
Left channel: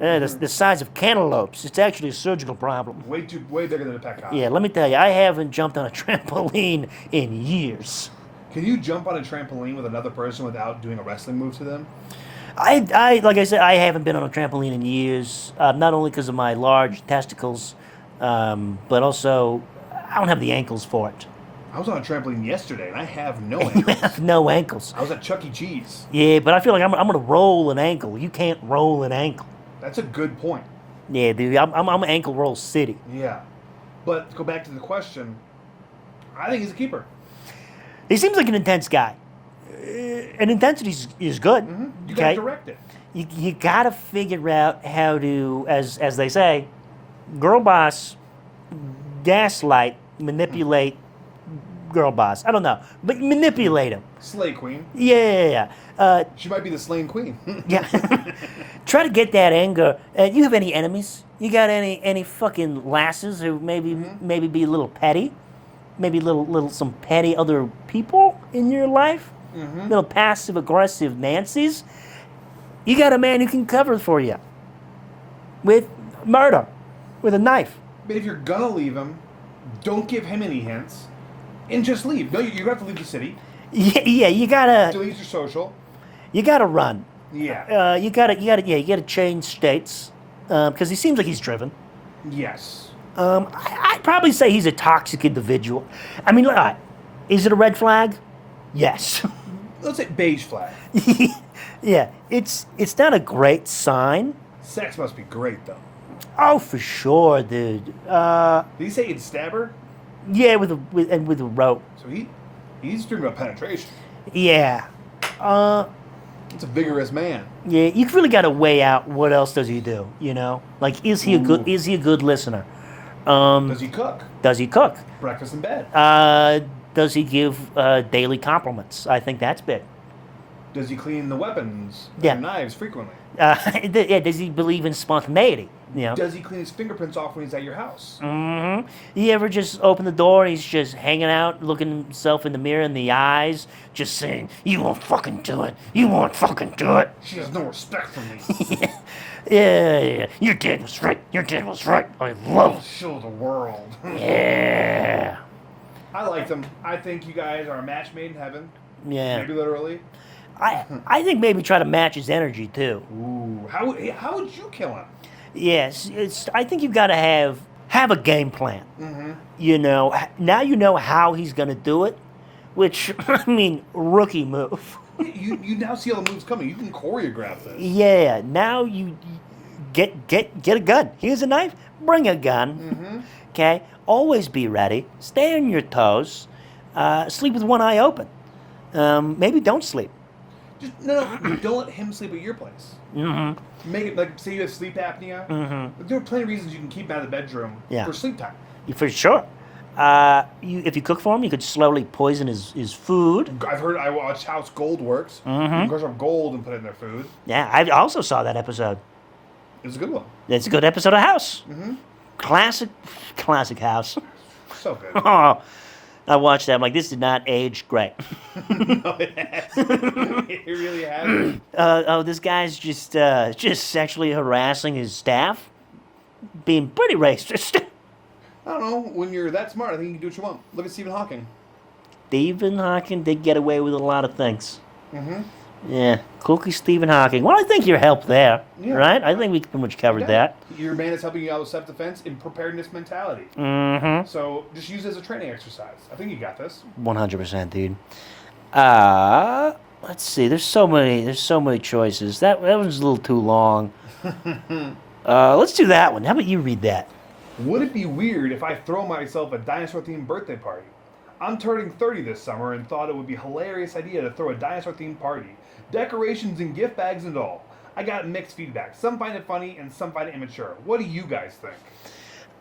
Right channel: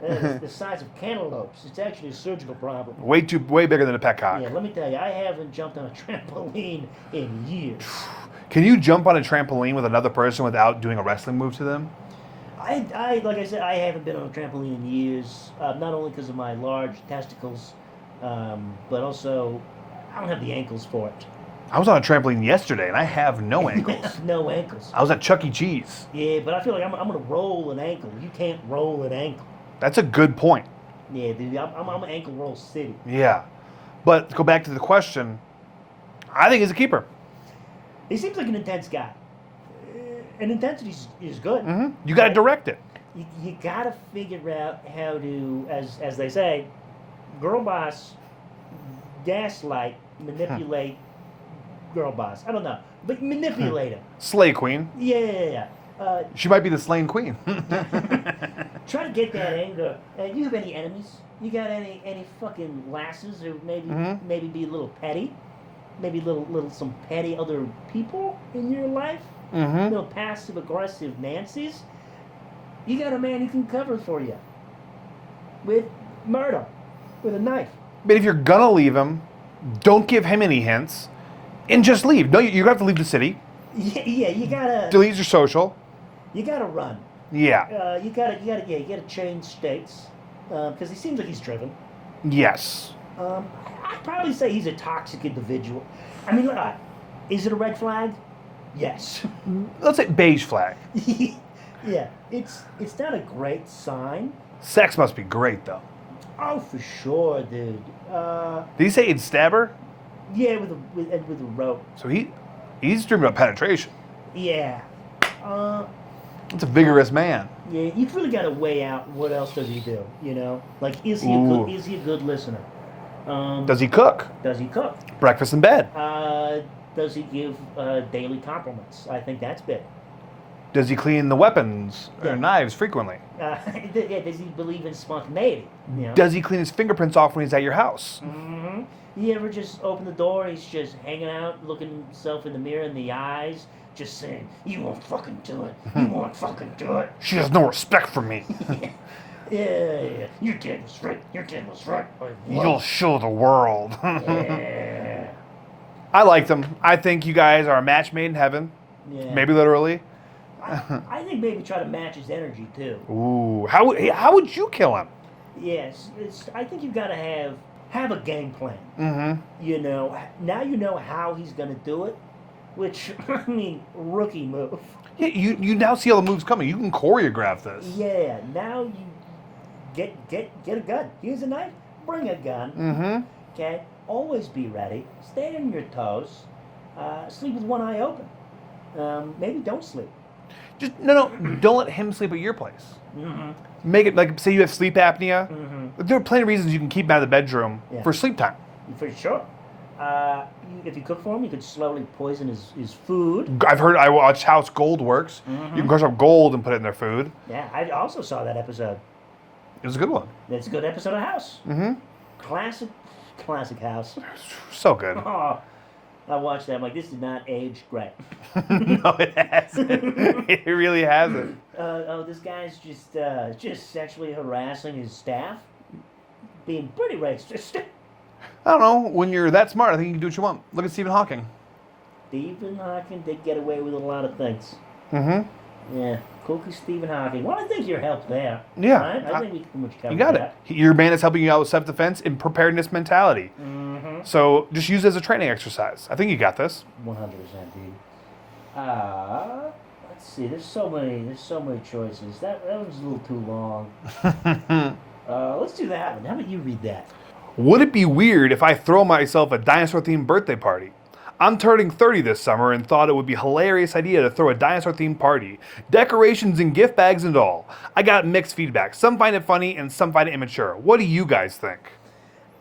The size of cantaloupes. It's actually a surgical problem. Way bigger than a pet cock. Yeah, let me tell you, I haven't jumped on a trampoline in years. Can you jump on a trampoline with another person without doing a wrestling move to them? I like I said, I haven't been on a trampoline in years. Not only because of my large testicles, but also I don't have the ankles for it. I was on a trampoline yesterday, and I have no ankles. No ankles. I was at Chuck E. Cheese. Yeah, but I feel like I'm going to roll an ankle. You can't roll an ankle. That's a good point. Yeah, dude, I'm ankle roll city. Yeah. But to go back to the question, I think he's a keeper. He seems like an intense guy. And intensity is good. Mm-hmm. You got to direct it. You got to figure out how to, as they say, girl boss, gaslight, manipulate girl boss. I don't know. But manipulate him. Slay queen. Yeah. She might be the slain queen. Yeah. Try to get that anger. You have any enemies? You got any fucking lasses who maybe be a little petty? Maybe little some petty other people in your life? Little passive aggressive Nancy's? You got a man who can cover for you with murder, with a knife. But if you're gonna leave him, don't give him any hints, and just leave. No, you're gonna have to leave the city. Yeah, you gotta delete your social. You gotta run. Yeah. You gotta change states because he seems like he's driven. Yes. I'd probably say he's a toxic individual. I mean, all right, is it a red flag? Yes. Let's say beige flag. Yeah, it's not a great sign. Sex must be great though. Oh, for sure, dude. Did he say he'd stab her? Yeah, with a rope. So he's dreaming of penetration. Yeah. It's a vigorous man. Yeah, you really got to weigh out what else does he do, you know? Like, is he a good listener? Does he cook? Does he cook? Breakfast in bed. Does he give daily compliments? I think that's big. Does he clean the weapons and knives frequently? Yeah, does he believe in spontaneity? You know? Does he clean his fingerprints off when he's at your house? Mm-hmm. You ever just open the door and he's just hanging out, looking himself in the mirror in the eyes, just saying, "You won't fucking do it. You won't fucking do it." She has no respect for me. Yeah. Your dad was right. Your dad was right. We'll show the world. Yeah. I liked him. I think you guys are a match made in heaven. Yeah. Maybe literally. I think maybe try to match his energy too. Ooh. How would you kill him? Yes, I think you've got to have a game plan. Mm-hmm. You know, now you know how he's going to do it, which, I mean, rookie move. Yeah, you now see all the moves coming. You can choreograph this. Yeah, now you get a gun. Here's a knife. Bring a gun. Mm-hmm. Okay? Always be ready. Stay on your toes. Sleep with one eye open. Maybe don't sleep. Just no. Don't let him sleep at your place. Mm-hmm. Make it like, say you have sleep apnea. Mm-hmm. There are plenty of reasons you can keep him out of the bedroom for sleep time. For sure. If you cook for him, you could slowly poison his food. I watched House Gold works. Mm-hmm. You can crush up gold and put it in their food. Yeah, I also saw that episode. It was a good one. It's a good episode of House. Mm-hmm. Classic House. So good. Oh, I watched that. I'm like, this did not age great. No, it hasn't. It really hasn't. This guy's just sexually harassing his staff, being pretty racist. I don't know. When you're that smart, I think you can do what you want. Look at Stephen Hawking. Stephen Hawking did get away with a lot of things. Mm-hmm. Yeah, Cookie Stephen Hawking. Well, I think your help there. Yeah. Right? I think we pretty much covered that. Your man is helping you out with self-defense and preparedness mentality. Mm-hmm. So just use it as a training exercise. I think you got this. 100%, dude. Let's see. There's so many choices. That one's a little too long. Let's do that one. How about you read that? Would it be weird if I throw myself a dinosaur-themed birthday party? I'm turning 30 this summer and thought it would be a hilarious idea to throw a dinosaur-themed party. Decorations and gift bags and all. I got mixed feedback. Some find it funny and some find it immature. What do you guys think?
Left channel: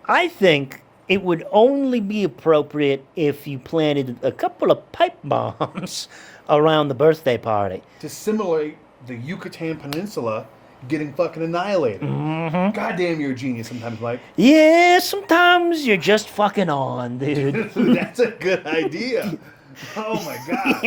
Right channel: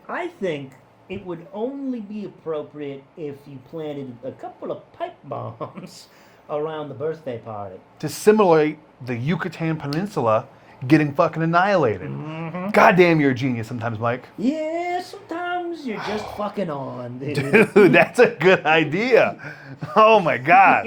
I think it would only be appropriate if you planted a couple of pipe bombs around the birthday party. To simulate the Yucatan Peninsula getting fucking annihilated. Mm-hmm. Goddamn, you're a genius sometimes, Mike. Yeah, sometimes you're just fucking on, dude. Dude, that's a good idea. Oh my God.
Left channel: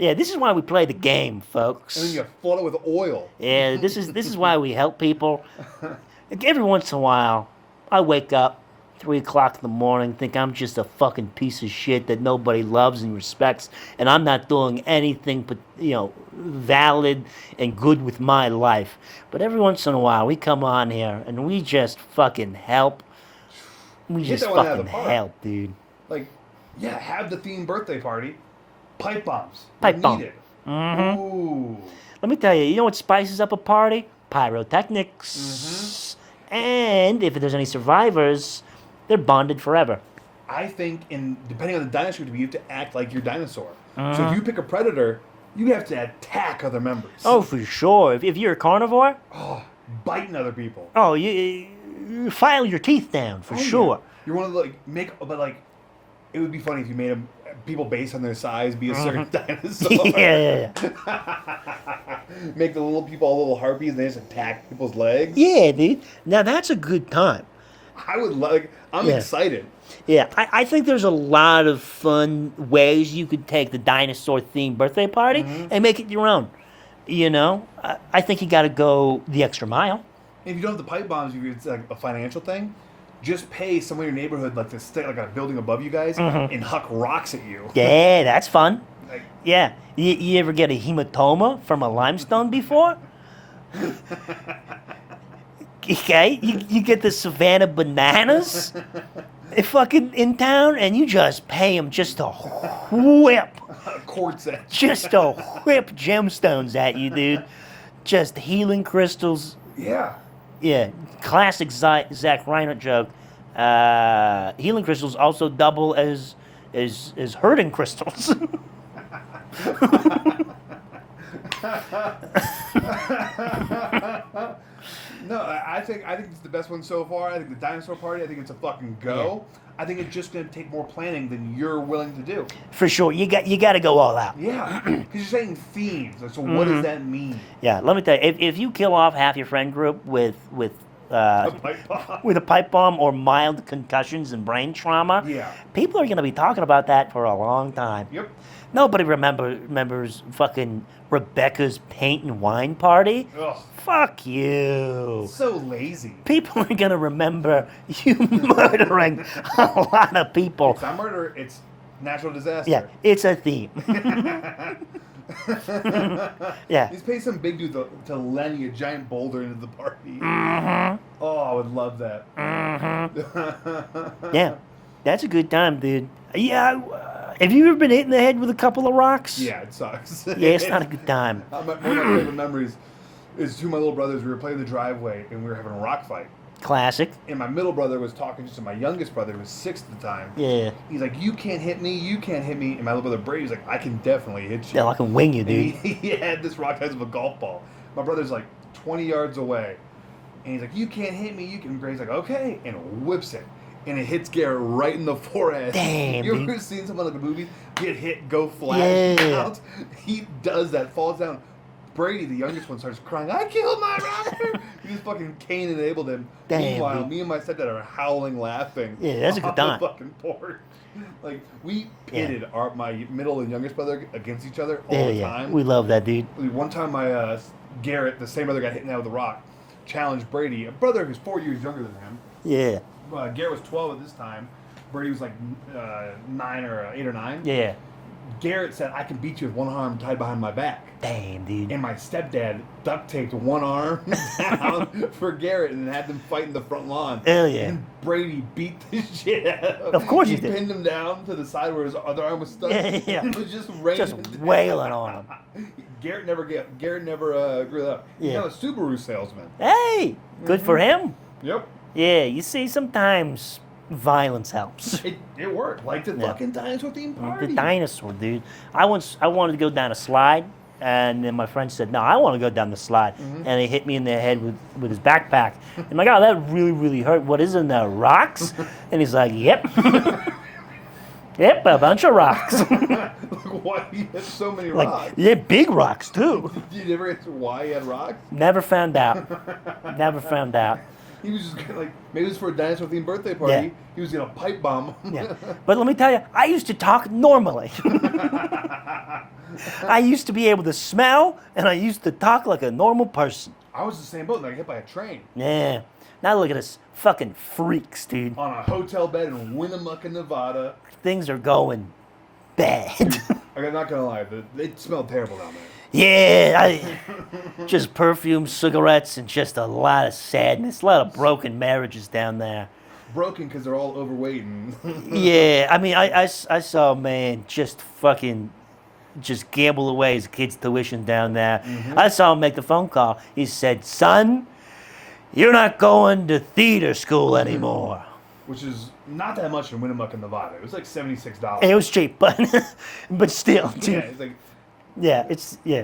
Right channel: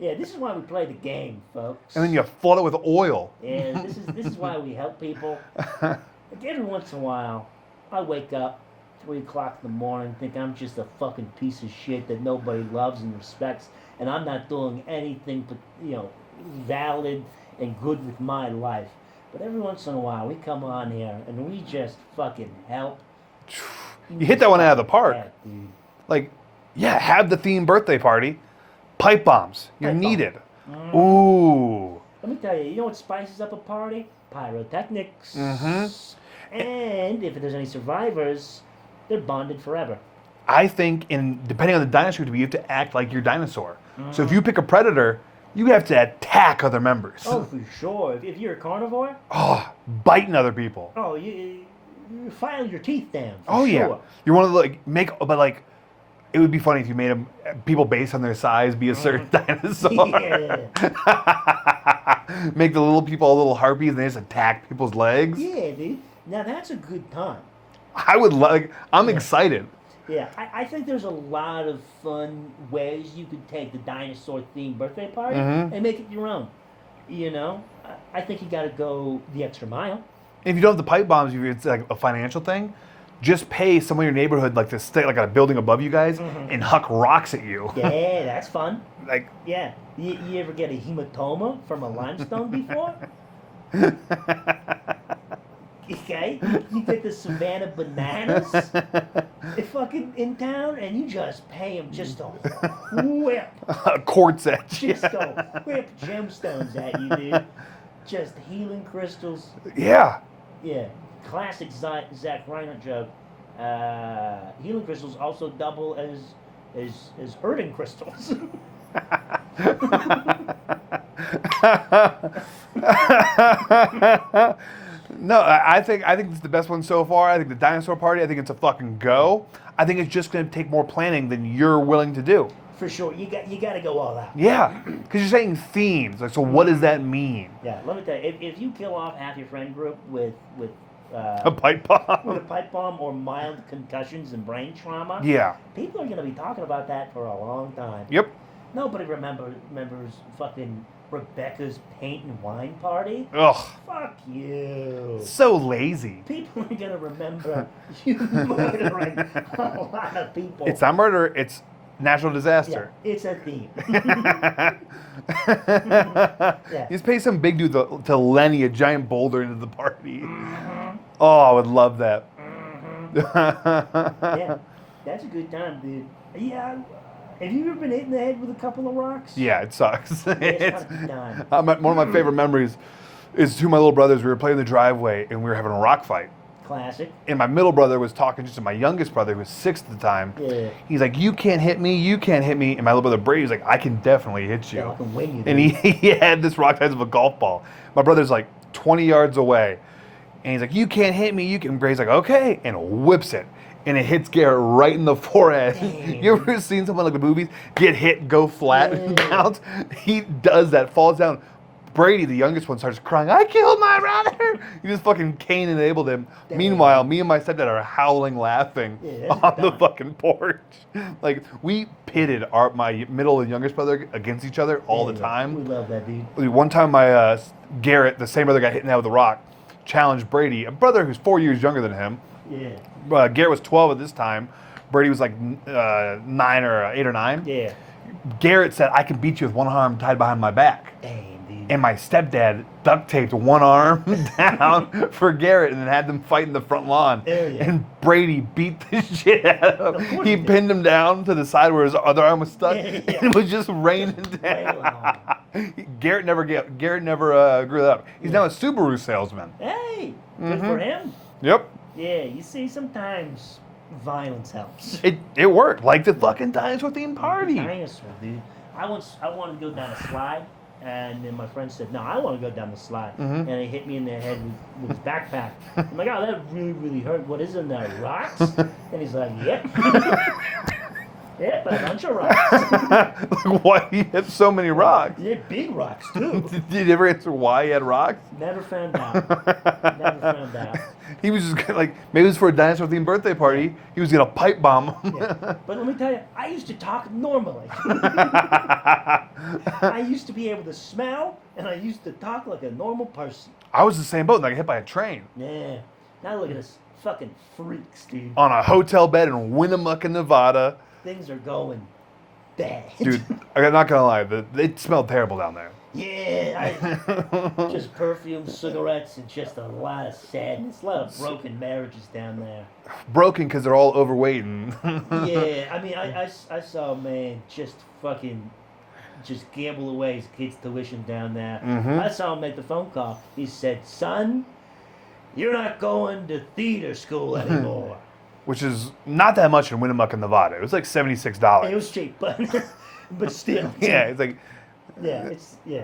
Yeah, this is why we play the game, folks. And then you flood it with oil. Yeah, this is why we help people. Like, every once in a while, I wake up 3 o'clock in the morning, think I'm just a fucking piece of shit that nobody loves and respects, and I'm not doing anything but, valid and good with my life. But every once in a while, we come on here and we just fucking help. You hit that one out of the park. Help, dude. Like, yeah, have the themed birthday party. Pipe bombs. You're needed. Mm-hmm. Ooh. Let me tell you, you know what spices up a party? Pyrotechnics. Mm-hmm. And if there's any survivors, they're bonded forever. I think, depending on the dinosaur you have to act like your dinosaur. So if you pick a predator, you have to attack other members. Oh, for sure. If you're a carnivore. Oh, biting other people. Oh, you file your teeth down, for sure. Yeah. You're one of the, it would be funny if you made people based on their size be a certain dinosaur. Yeah. Make the little people all little harpies and they just attack people's legs. Yeah, dude. Now that's a good time. I'm excited. Yeah, I think there's a lot of fun ways you could take the dinosaur-themed birthday party and make it your own. I think you got to go the extra mile. If you don't have the pipe bombs, it's like a financial thing. Just pay someone in your neighborhood to stay at a building above you guys and huck rocks at you. Yeah, that's fun. Yeah, you ever get a hematoma from a limestone before? Okay, you get the Savannah Bananas fucking in town, and you just pay them just to whip, Quartz edge. just to whip gemstones at you, dude. Just healing crystals. Yeah. Yeah, classic Zach Reinhardt joke. Healing crystals also double as hurting crystals. No, I think it's the best one so far. I think the dinosaur party. I think it's a fucking go. I think it's just going to take more planning than you're willing to do. For sure, you got to go all out. Yeah, because you're saying themes. Like, so what does that mean? Yeah, let me tell you, if you kill off half your friend group with A pipe bomb. with a pipe bomb or mild concussions and brain trauma, Yeah. people are going to be talking about that for a long time. Yep. Nobody remembers fucking Rebecca's paint and wine party. Ugh. Fuck you. So lazy. People are going to remember you murdering a lot of people. It's not murder. It's natural disaster. Yeah, it's a theme. Yeah. You just pay some big dude to Lenny a giant boulder into the party. Oh, I would love that. Yeah, that's a good time, dude. Yeah, have you ever been hit in the head with a couple of rocks? Yeah, it sucks. Yeah, it's not a good time. One of my favorite memories is two of my little brothers. We were playing in the driveway and we were having a rock fight. Classic. And my middle brother was talking just to my youngest brother, who was 6 at the time. Yeah. He's like, "You can't hit me, you can't hit me." And my little brother Brady was like, "I can definitely hit you." Yeah, I can wing you, dude. And he had this rock size of a golf ball. My brother's like 20 yards away. And he's like, "You can't hit me, you can." And Brady's like, "Okay." And whips it. And it hits Garrett right in the forehead. Damn, You ever seen someone like the movies get hit, go flat, and bounce? He does that, falls down. Brady, the youngest one, starts crying, "I killed my brother!" He just fucking Cain enabled him. Damn. Meanwhile, me and my stepdad are howling, laughing Yeah, that's a on good the time. fucking porch. Like, we pitted my middle and youngest brother against each other all the time. We love that, dude. One time, my Garrett, the same brother got hit in the head with a rock, challenged Brady, a brother who's 4 years younger than him. Yeah. Garrett was 12 at this time. Brady was like 9 or 8 or 9. Yeah. Garrett said, "I can beat you with one arm tied behind my back." Damn, dude. And my stepdad duct taped one arm down for Garrett and then had them fight in the front lawn. Hell yeah. And Brady beat the shit out of him. Of course he he did. pinned him down to the side where his other arm was stuck. Yeah. And it was just raining Just down. wailing on him. Garrett never grew that up. He's Yeah. now a Subaru salesman. Hey, good for him. Yep. Yeah, you see, sometimes violence helps. It worked. Like the fucking dinosaur themed party. The dinosaur, dude. I wanted to go down a slide, and then my friend said, "No, I want to go down the slide." And he hit me in the head with his backpack. I'm like, "Oh, that really, really hurt. What is in there? Rocks?" And he's like, "Yep." Yep, a bunch of rocks. Like, why he had so many rocks? Yeah, big rocks, too. Did you ever answer why he had rocks? Never found out. Never found out. He was just gonna, like, maybe it was for a dinosaur themed birthday party. Yeah. He was gonna pipe bomb him. Yeah. But let me tell you, I used to talk normally. I used to be able to smell, and I used to talk like a normal person. I was the same boat. I got hit by a train Yeah. Now look at us fucking freaks, dude. on a hotel bed in Winnimucka, Nevada. Things are going bad. Dude, I'm not gonna lie, it smelled terrible down there. Yeah, just perfume, cigarettes, and just a lot of sadness. A lot of broken marriages down there. Broken because they're all overweight and Yeah, I mean, I saw a man just gamble away his kid's tuition down there. I saw him make the phone call. He said, "Son, you're not going to theater school anymore." which is not that much in Winnimucka, Nevada. It was like $76. It was cheap, but still. Yeah, it's like Yeah.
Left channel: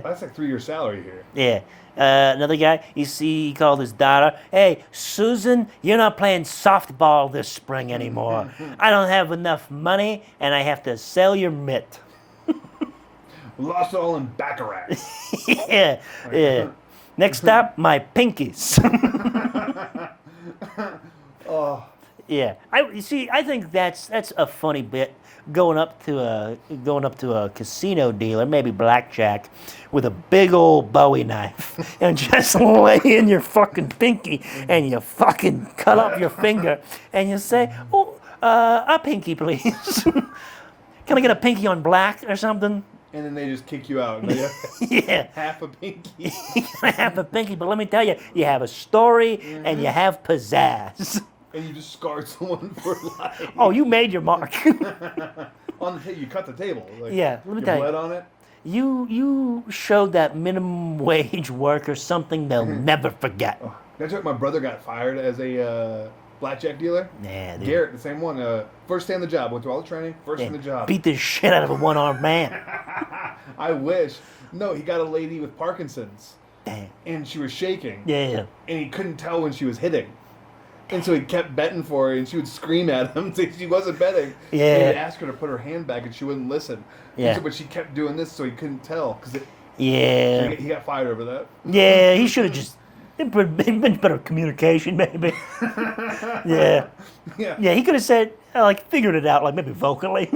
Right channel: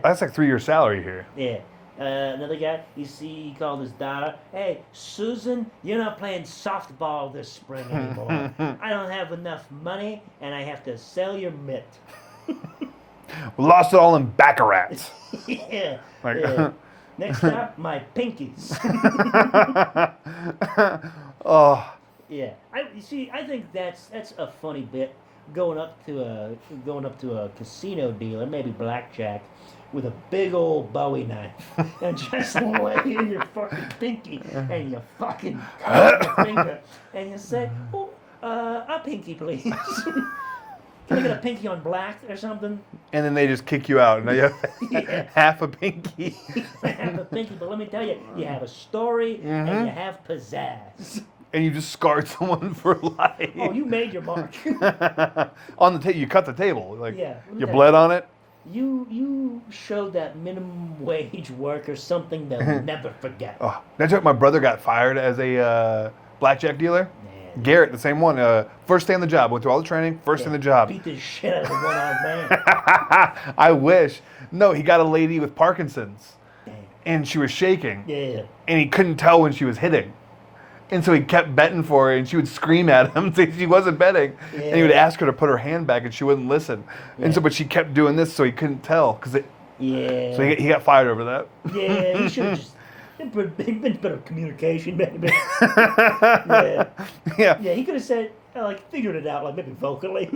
that's like 3 years' salary here. Yeah. Another guy, he called his daughter, "Hey, Susan, you're not playing softball this spring anymore. I don't have enough money, and I have to sell your mitt." We lost it all in baccarat. Yeah. Right. Yeah. Next stop, my pinkies. Oh, Yeah. I think that's a funny bit. Going up to a casino dealer, maybe blackjack, with a big old Bowie knife, and just lay in your fucking pinky, and you fucking cut off your finger, and you say, "Oh, a pinky, please." Can I get a pinky on black or something? And then they just kick you out. And now you have Yeah. half a pinky. I have a pinky, but let me tell you, you have a story and you have pizzazz. And you just scarred someone for life. Oh, you made your mark. On the table, you cut the table. Like, Yeah, let me you tell you. bled on it. You showed that minimum wage worker something they'll never forget. Oh, that's what my brother got fired as a blackjack dealer. Yeah, dude. Garrett, the same one. First day on the job. Went through all the training. First day on the job. Beat the shit out of a one-armed man. I wish. No, he got a lady with Parkinson's, Damn. and she was shaking. Yeah. And he couldn't tell when she was hitting. And so he kept betting for her, and she would scream at him saying she wasn't betting. And he would Yeah. ask her to put her hand back, and she wouldn't listen. Yeah. And so, but she kept doing this, so he couldn't tell. So Yeah. he got fired over that. Yeah, he should have just been better communication, maybe. Yeah. Yeah. Yeah, he could have said, like, figured it out, like, maybe vocally.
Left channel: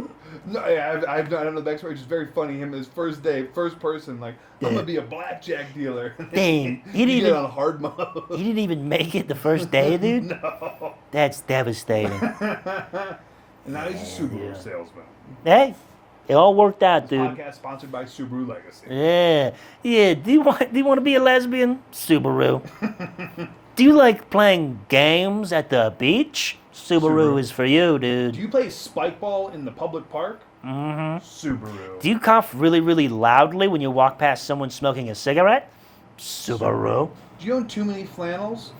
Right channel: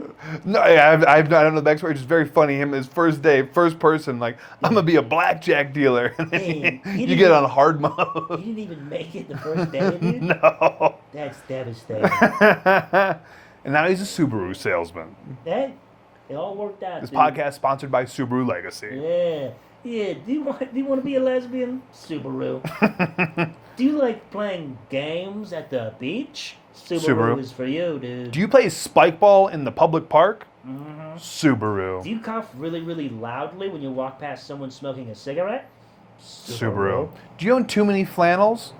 No, I don't know the backstory. It's just very funny. Him, his first day, first person, like, I'm going to be a blackjack dealer. And then Dang, he you didn't get even- on hard mode. He didn't even make it the first day, dude. No. That's devastating. And now he's a Subaru salesman. Hey, it all worked out, This dude. podcast sponsored by Subaru Legacy. Yeah, yeah. Do you want to be a lesbian? Subaru. Do you like playing games at the beach? Subaru. Is for you, dude. Do you play spike ball in the public park? Mm-hmm. Subaru. Do you cough really, really loudly when you walk past someone smoking a cigarette? Subaru. Do you own too many flannels?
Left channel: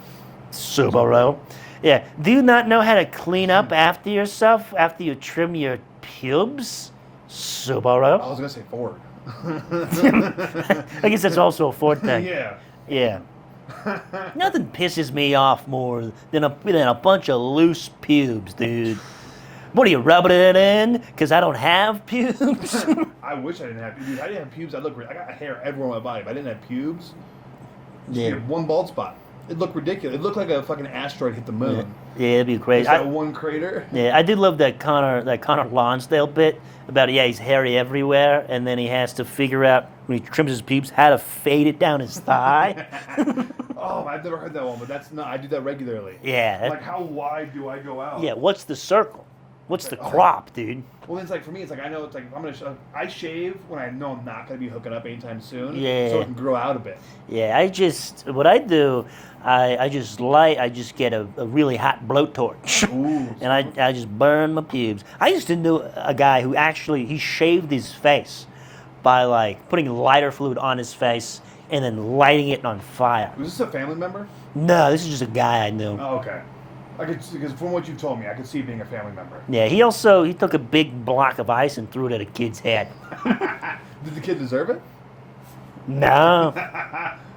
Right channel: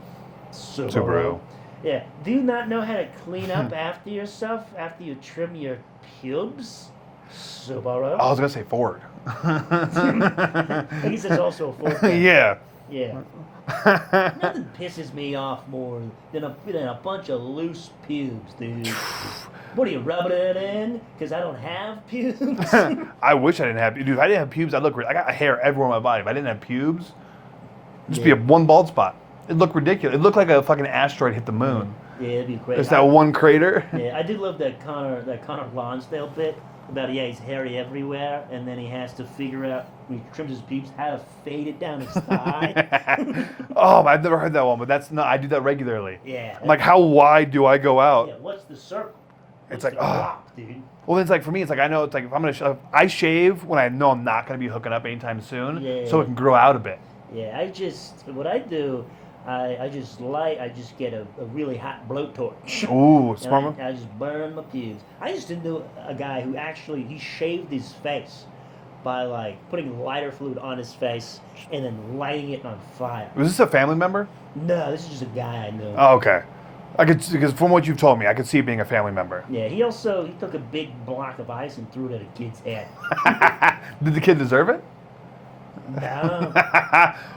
Subaru. Yeah. Do you not know how to clean up after yourself after you trim your pubes? Subaru. I was going to say Ford. I guess that's also a Ford thing. Yeah. Yeah. Nothing pisses me off more than a bunch of loose pubes, dude. What are you rubbing it in? Because I don't have pubes? I wish I didn't have, dude. If I didn't have pubes, I'd look. I got hair everywhere on my body. If I didn't have pubes, it'd just be a one bald spot. It'd look ridiculous. It'd look like a fucking asteroid hit the moon. Yeah, it'd be crazy. Just that one crater. Yeah, I did love that Connor Lonsdale bit about he's hairy everywhere, and then he has to figure out when he trims his pubes how to fade it down his thigh. Oh, I've never heard that one, but that's not. I do that regularly. Yeah. Like, how wide do I go out? Yeah. What's the circle? What's It's the like, crop, dude? Well, it's like for me, it's like I know it's like if I'm gonna, I shave when I know I'm not gonna be hooking up anytime soon, Yeah. so it can grow out a bit. Yeah. What I do, I just get a really hot blowtorch. Ooh, And I just burn my pubes. I used to know a guy who actually, he shaved his face by like putting lighter fluid on his face and then lighting it on fire. was this a family member? No, this is just a guy I knew. Oh, okay. I could, because from what you've told me, I could see it being a family member. Yeah, he took a big block of ice and threw it at a kid's head. Did the kid deserve it? No,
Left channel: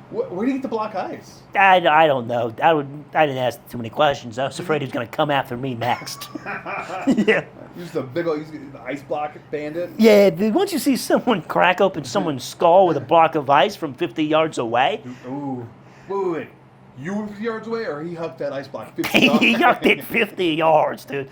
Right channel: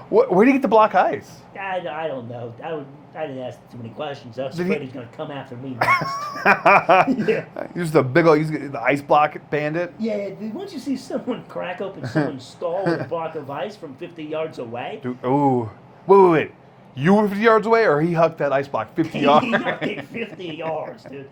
Where do you get the block ice? I don't know. I didn't ask too many questions. I was afraid he was going to come after me next. Yeah. Just a big old, the ice block bandit. Yeah, dude, once you see someone crack open someone's skull with a block of ice from 50 yards away, Dude, ooh. Wait. You were 50 yards away, or he hucked that ice block 50 yards? he got it 50 yards, dude.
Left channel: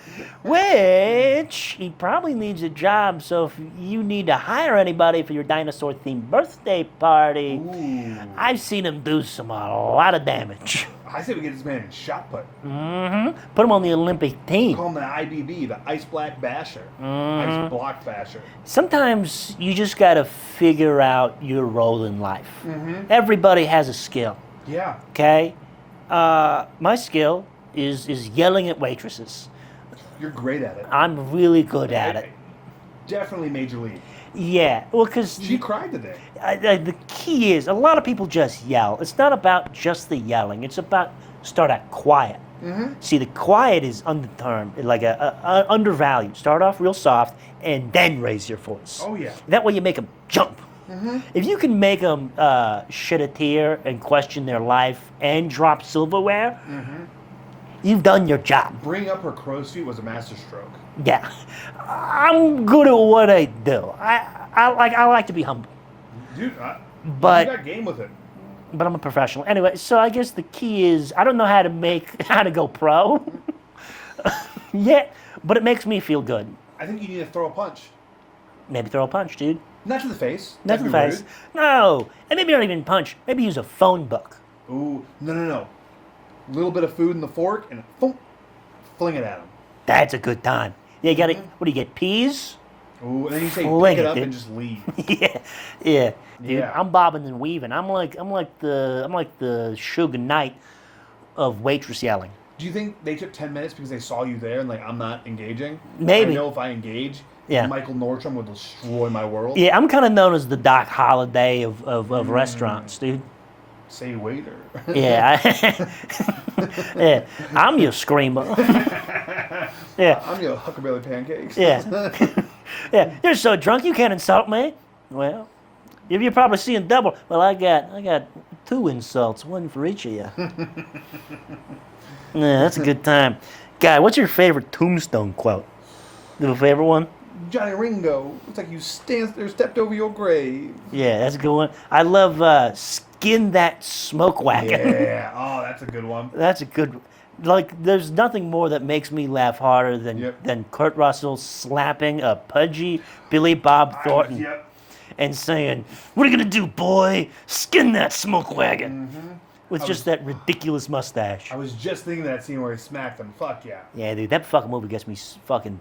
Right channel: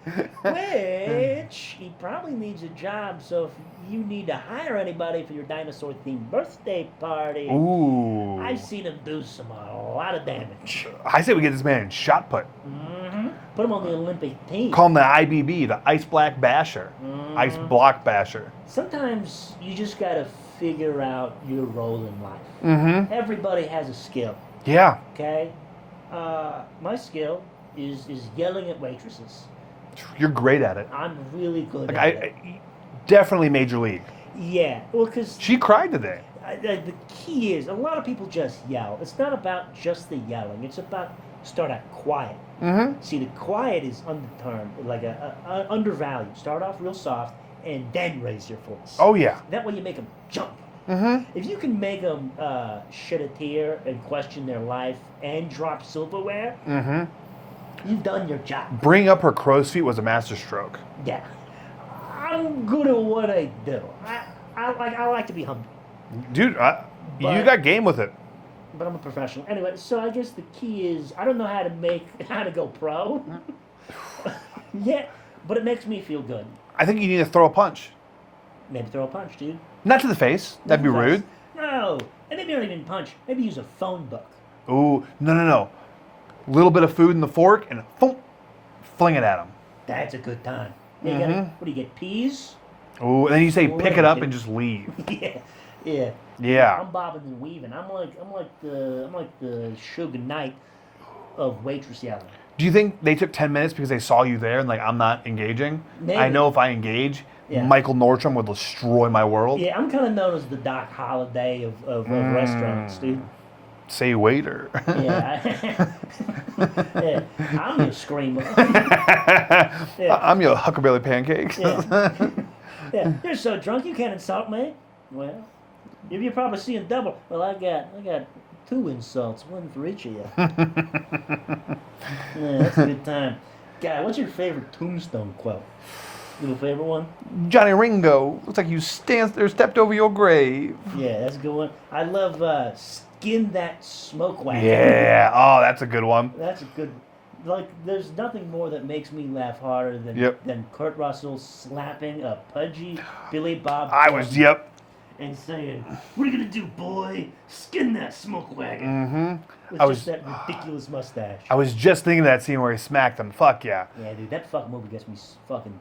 Which he probably needs a job. So if you need to hire anybody for your dinosaur-themed birthday party, Ooh. I've seen him do a lot of damage. I say we get this man in shot put. Put him on the Olympic team. Call him the IBB, the Ice Black Basher. Ice Block Basher. Sometimes you just got to figure out your role in life. Everybody has a skill. Yeah. Okay, my skill is yelling at waitresses. You're great at it. I'm really good at it. Definitely major league. Yeah, well, because She cried today. the key is a lot of people just yell. It's not about just the yelling. It's about start out quiet. See, the quiet is undetermined, like a undervalued. Start off real soft and then raise your voice. Oh, yeah. That way you make them jump. If you can make them shed a tear and question their life and drop silverware, you've done your job. Bring up her crow's feet was a masterstroke. Yeah, I'm good at what I do. I like to be humble, Dude, you But- got game with it. but I'm a professional. Anyway, so I guess the key is I don't know how to go pro. Yeah, but it makes me feel good. I think you need to throw a punch. Maybe throw a punch, dude. Not to the face. That'd be Nothing rude. fast. No, and maybe not even punch. Maybe use a phone book. Ooh, no. Little bit of food in the fork and boom, fling it at him. That's a good time. Yeah, you gotta. What do you get? Peas? Oh, and then you say pick it up and just leave. Yeah. Yeah. I'm bobbing and weaving. I'm like the Suge Knight of waitress yelling. Do you think they took 10 minutes because they saw you there and like I'm not engaging? Maybe. I know if I engage, Mikel Nordstrom will destroy my world. Yeah, I'm kind of known as the Doc Holliday of restaurants, dude. Say waiter. Yeah. Yeah. I'm your screamer. Yeah. I'm your Huckleberry pancakes. Yeah. Yeah. You're so drunk you can't insult me. Well, you're probably seeing double. Well, I got 2 insults, one for each of you. Yeah, that's a good time. Guy, what's your favorite Tombstone quote? You have a favorite one? Johnny Ringo, looks like you stepped over your grave. Yeah, that's a good one. I love Skin That Smoke Wagon. Yeah. Oh, that's a good one. That's a good. Like, there's nothing more that makes me laugh harder than Kurt Russell slapping a pudgy Billy Bob Thornton and saying, "What are you gonna do, boy? Skin that smoke wagon." Mm-hmm. With just that ridiculous mustache. I was just thinking of that scene where he smacked him. Fuck yeah. Yeah, dude, that fucking movie gets me fucking.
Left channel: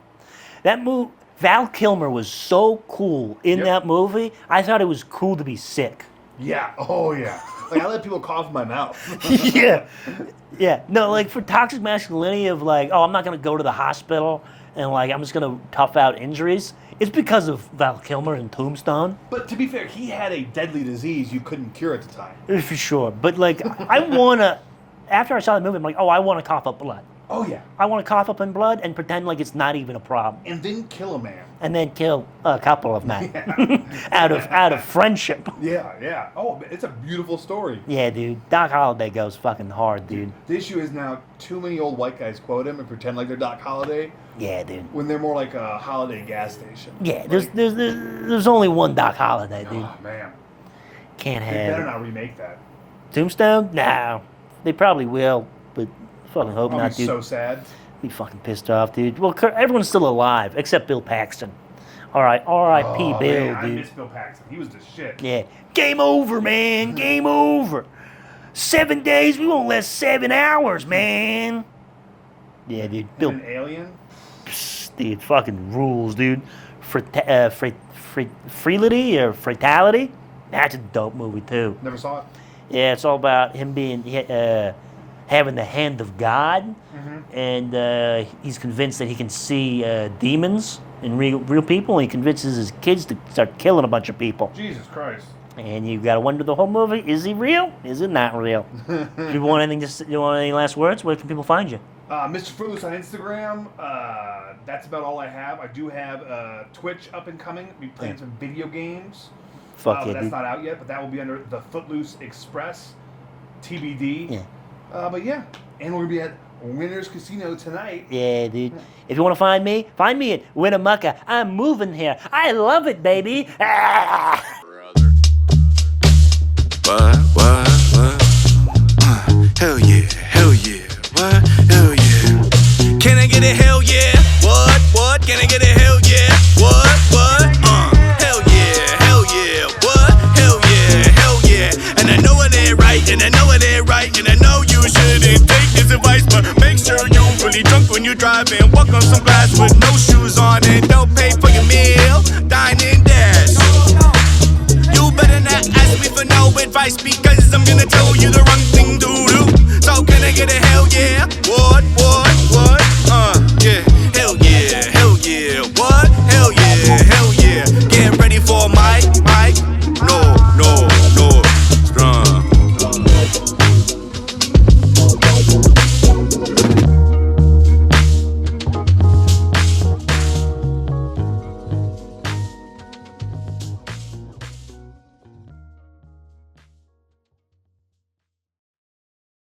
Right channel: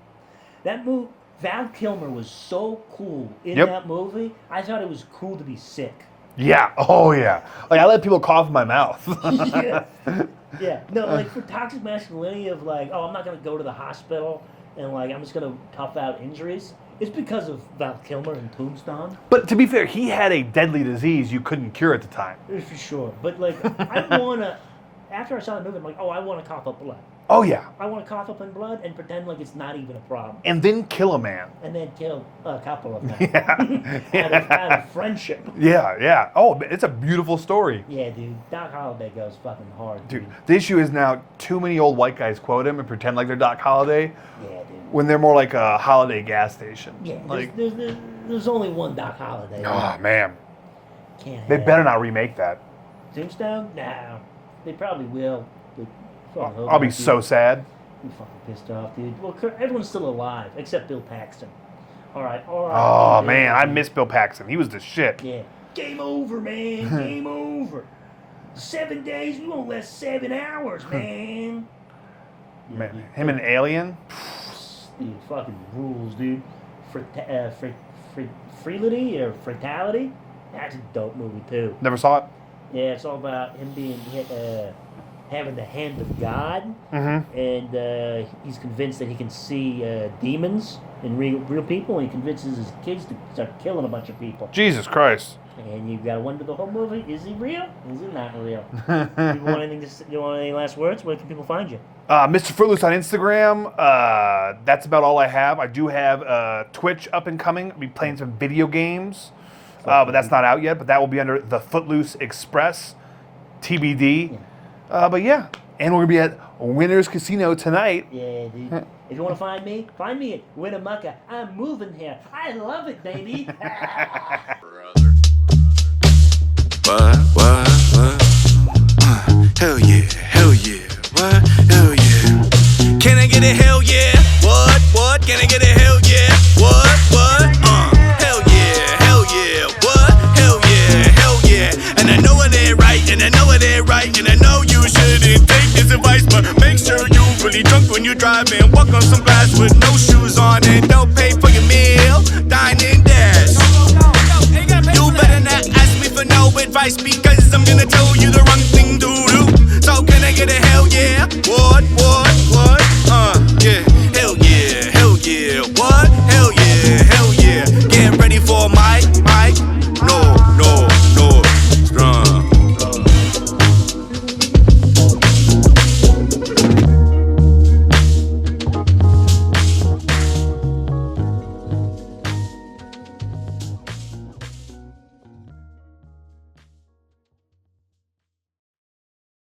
That movie, Val Kilmer was so cool in that movie. I thought it was cool to be sick. Yeah. Oh yeah. Like I let people cough in my mouth. Yeah. Yeah. No, like for toxic masculinity of like, oh, I'm not gonna go to the hospital and like I'm just gonna tough out injuries. It's because of Val Kilmer and Tombstone. But to be fair, he had a deadly disease you couldn't cure at the time. For sure. But like I wanna after I saw the movie, I'm like, oh, I wanna cough up blood. Oh yeah. I want to cough up in blood and pretend like it's not even a problem. And then kill a man. And then kill a couple of men. out of friendship. Yeah, yeah. Oh, it's a beautiful story. Yeah, dude. Doc Holliday goes fucking hard, dude. The issue is now too many old white guys quote him and pretend like they're Doc Holliday. Yeah, dude. When they're more like a Holiday gas station. Yeah, there's only one Doc Holliday. Oh man. Can't have They better not remake that. Tombstone? No. They probably will, but fucking hope I'll not, be dude. so sad. Be fucking pissed off, dude. Well, everyone's still alive except Bill Paxton. All right, R.I.P. Oh Bill, man, I dude. miss Bill Paxton. He was the shit. Yeah. Game over, man. Game over. 7 days, we won't last 7 hours, man. Yeah, dude. Him and Alien. Dude, fucking rules, dude. Freelity or Fatality? That's a dope movie, too. Never saw it. Yeah, it's all about him being having the hand of God, and he's convinced that he can see demons in real people. And he convinces his kids to start killing a bunch of people. Jesus Christ. And you gotta wonder the whole movie: is he real? Is it not real? You want any last words? Where can people find you? Mr. Footloose on Instagram. That's about all I have. I do have Twitch up and coming. I'll be playing some video games. But that's not out yet. But that will be under the Footloose Express, TBD. Yeah. But yeah, and we're gonna be at Winners Casino tonight. Yeah, dude. If you want to find me at Winnimucka. I'm moving here. I love it, baby. What? Hell yeah, what? Hell yeah. Can I get a hell yeah? What? Can I get a hell yeah? What? Hell yeah, what? Hell yeah. And I know it ain't right, and I know you shouldn't take this advice, but make sure you really drunk when you drive and walk on some glass with no shoes on and don't pay for your meal. Dine and dash. You better not ask me for no advice because I'm gonna tell you the wrong thing to do. So can I get a hell yeah? What?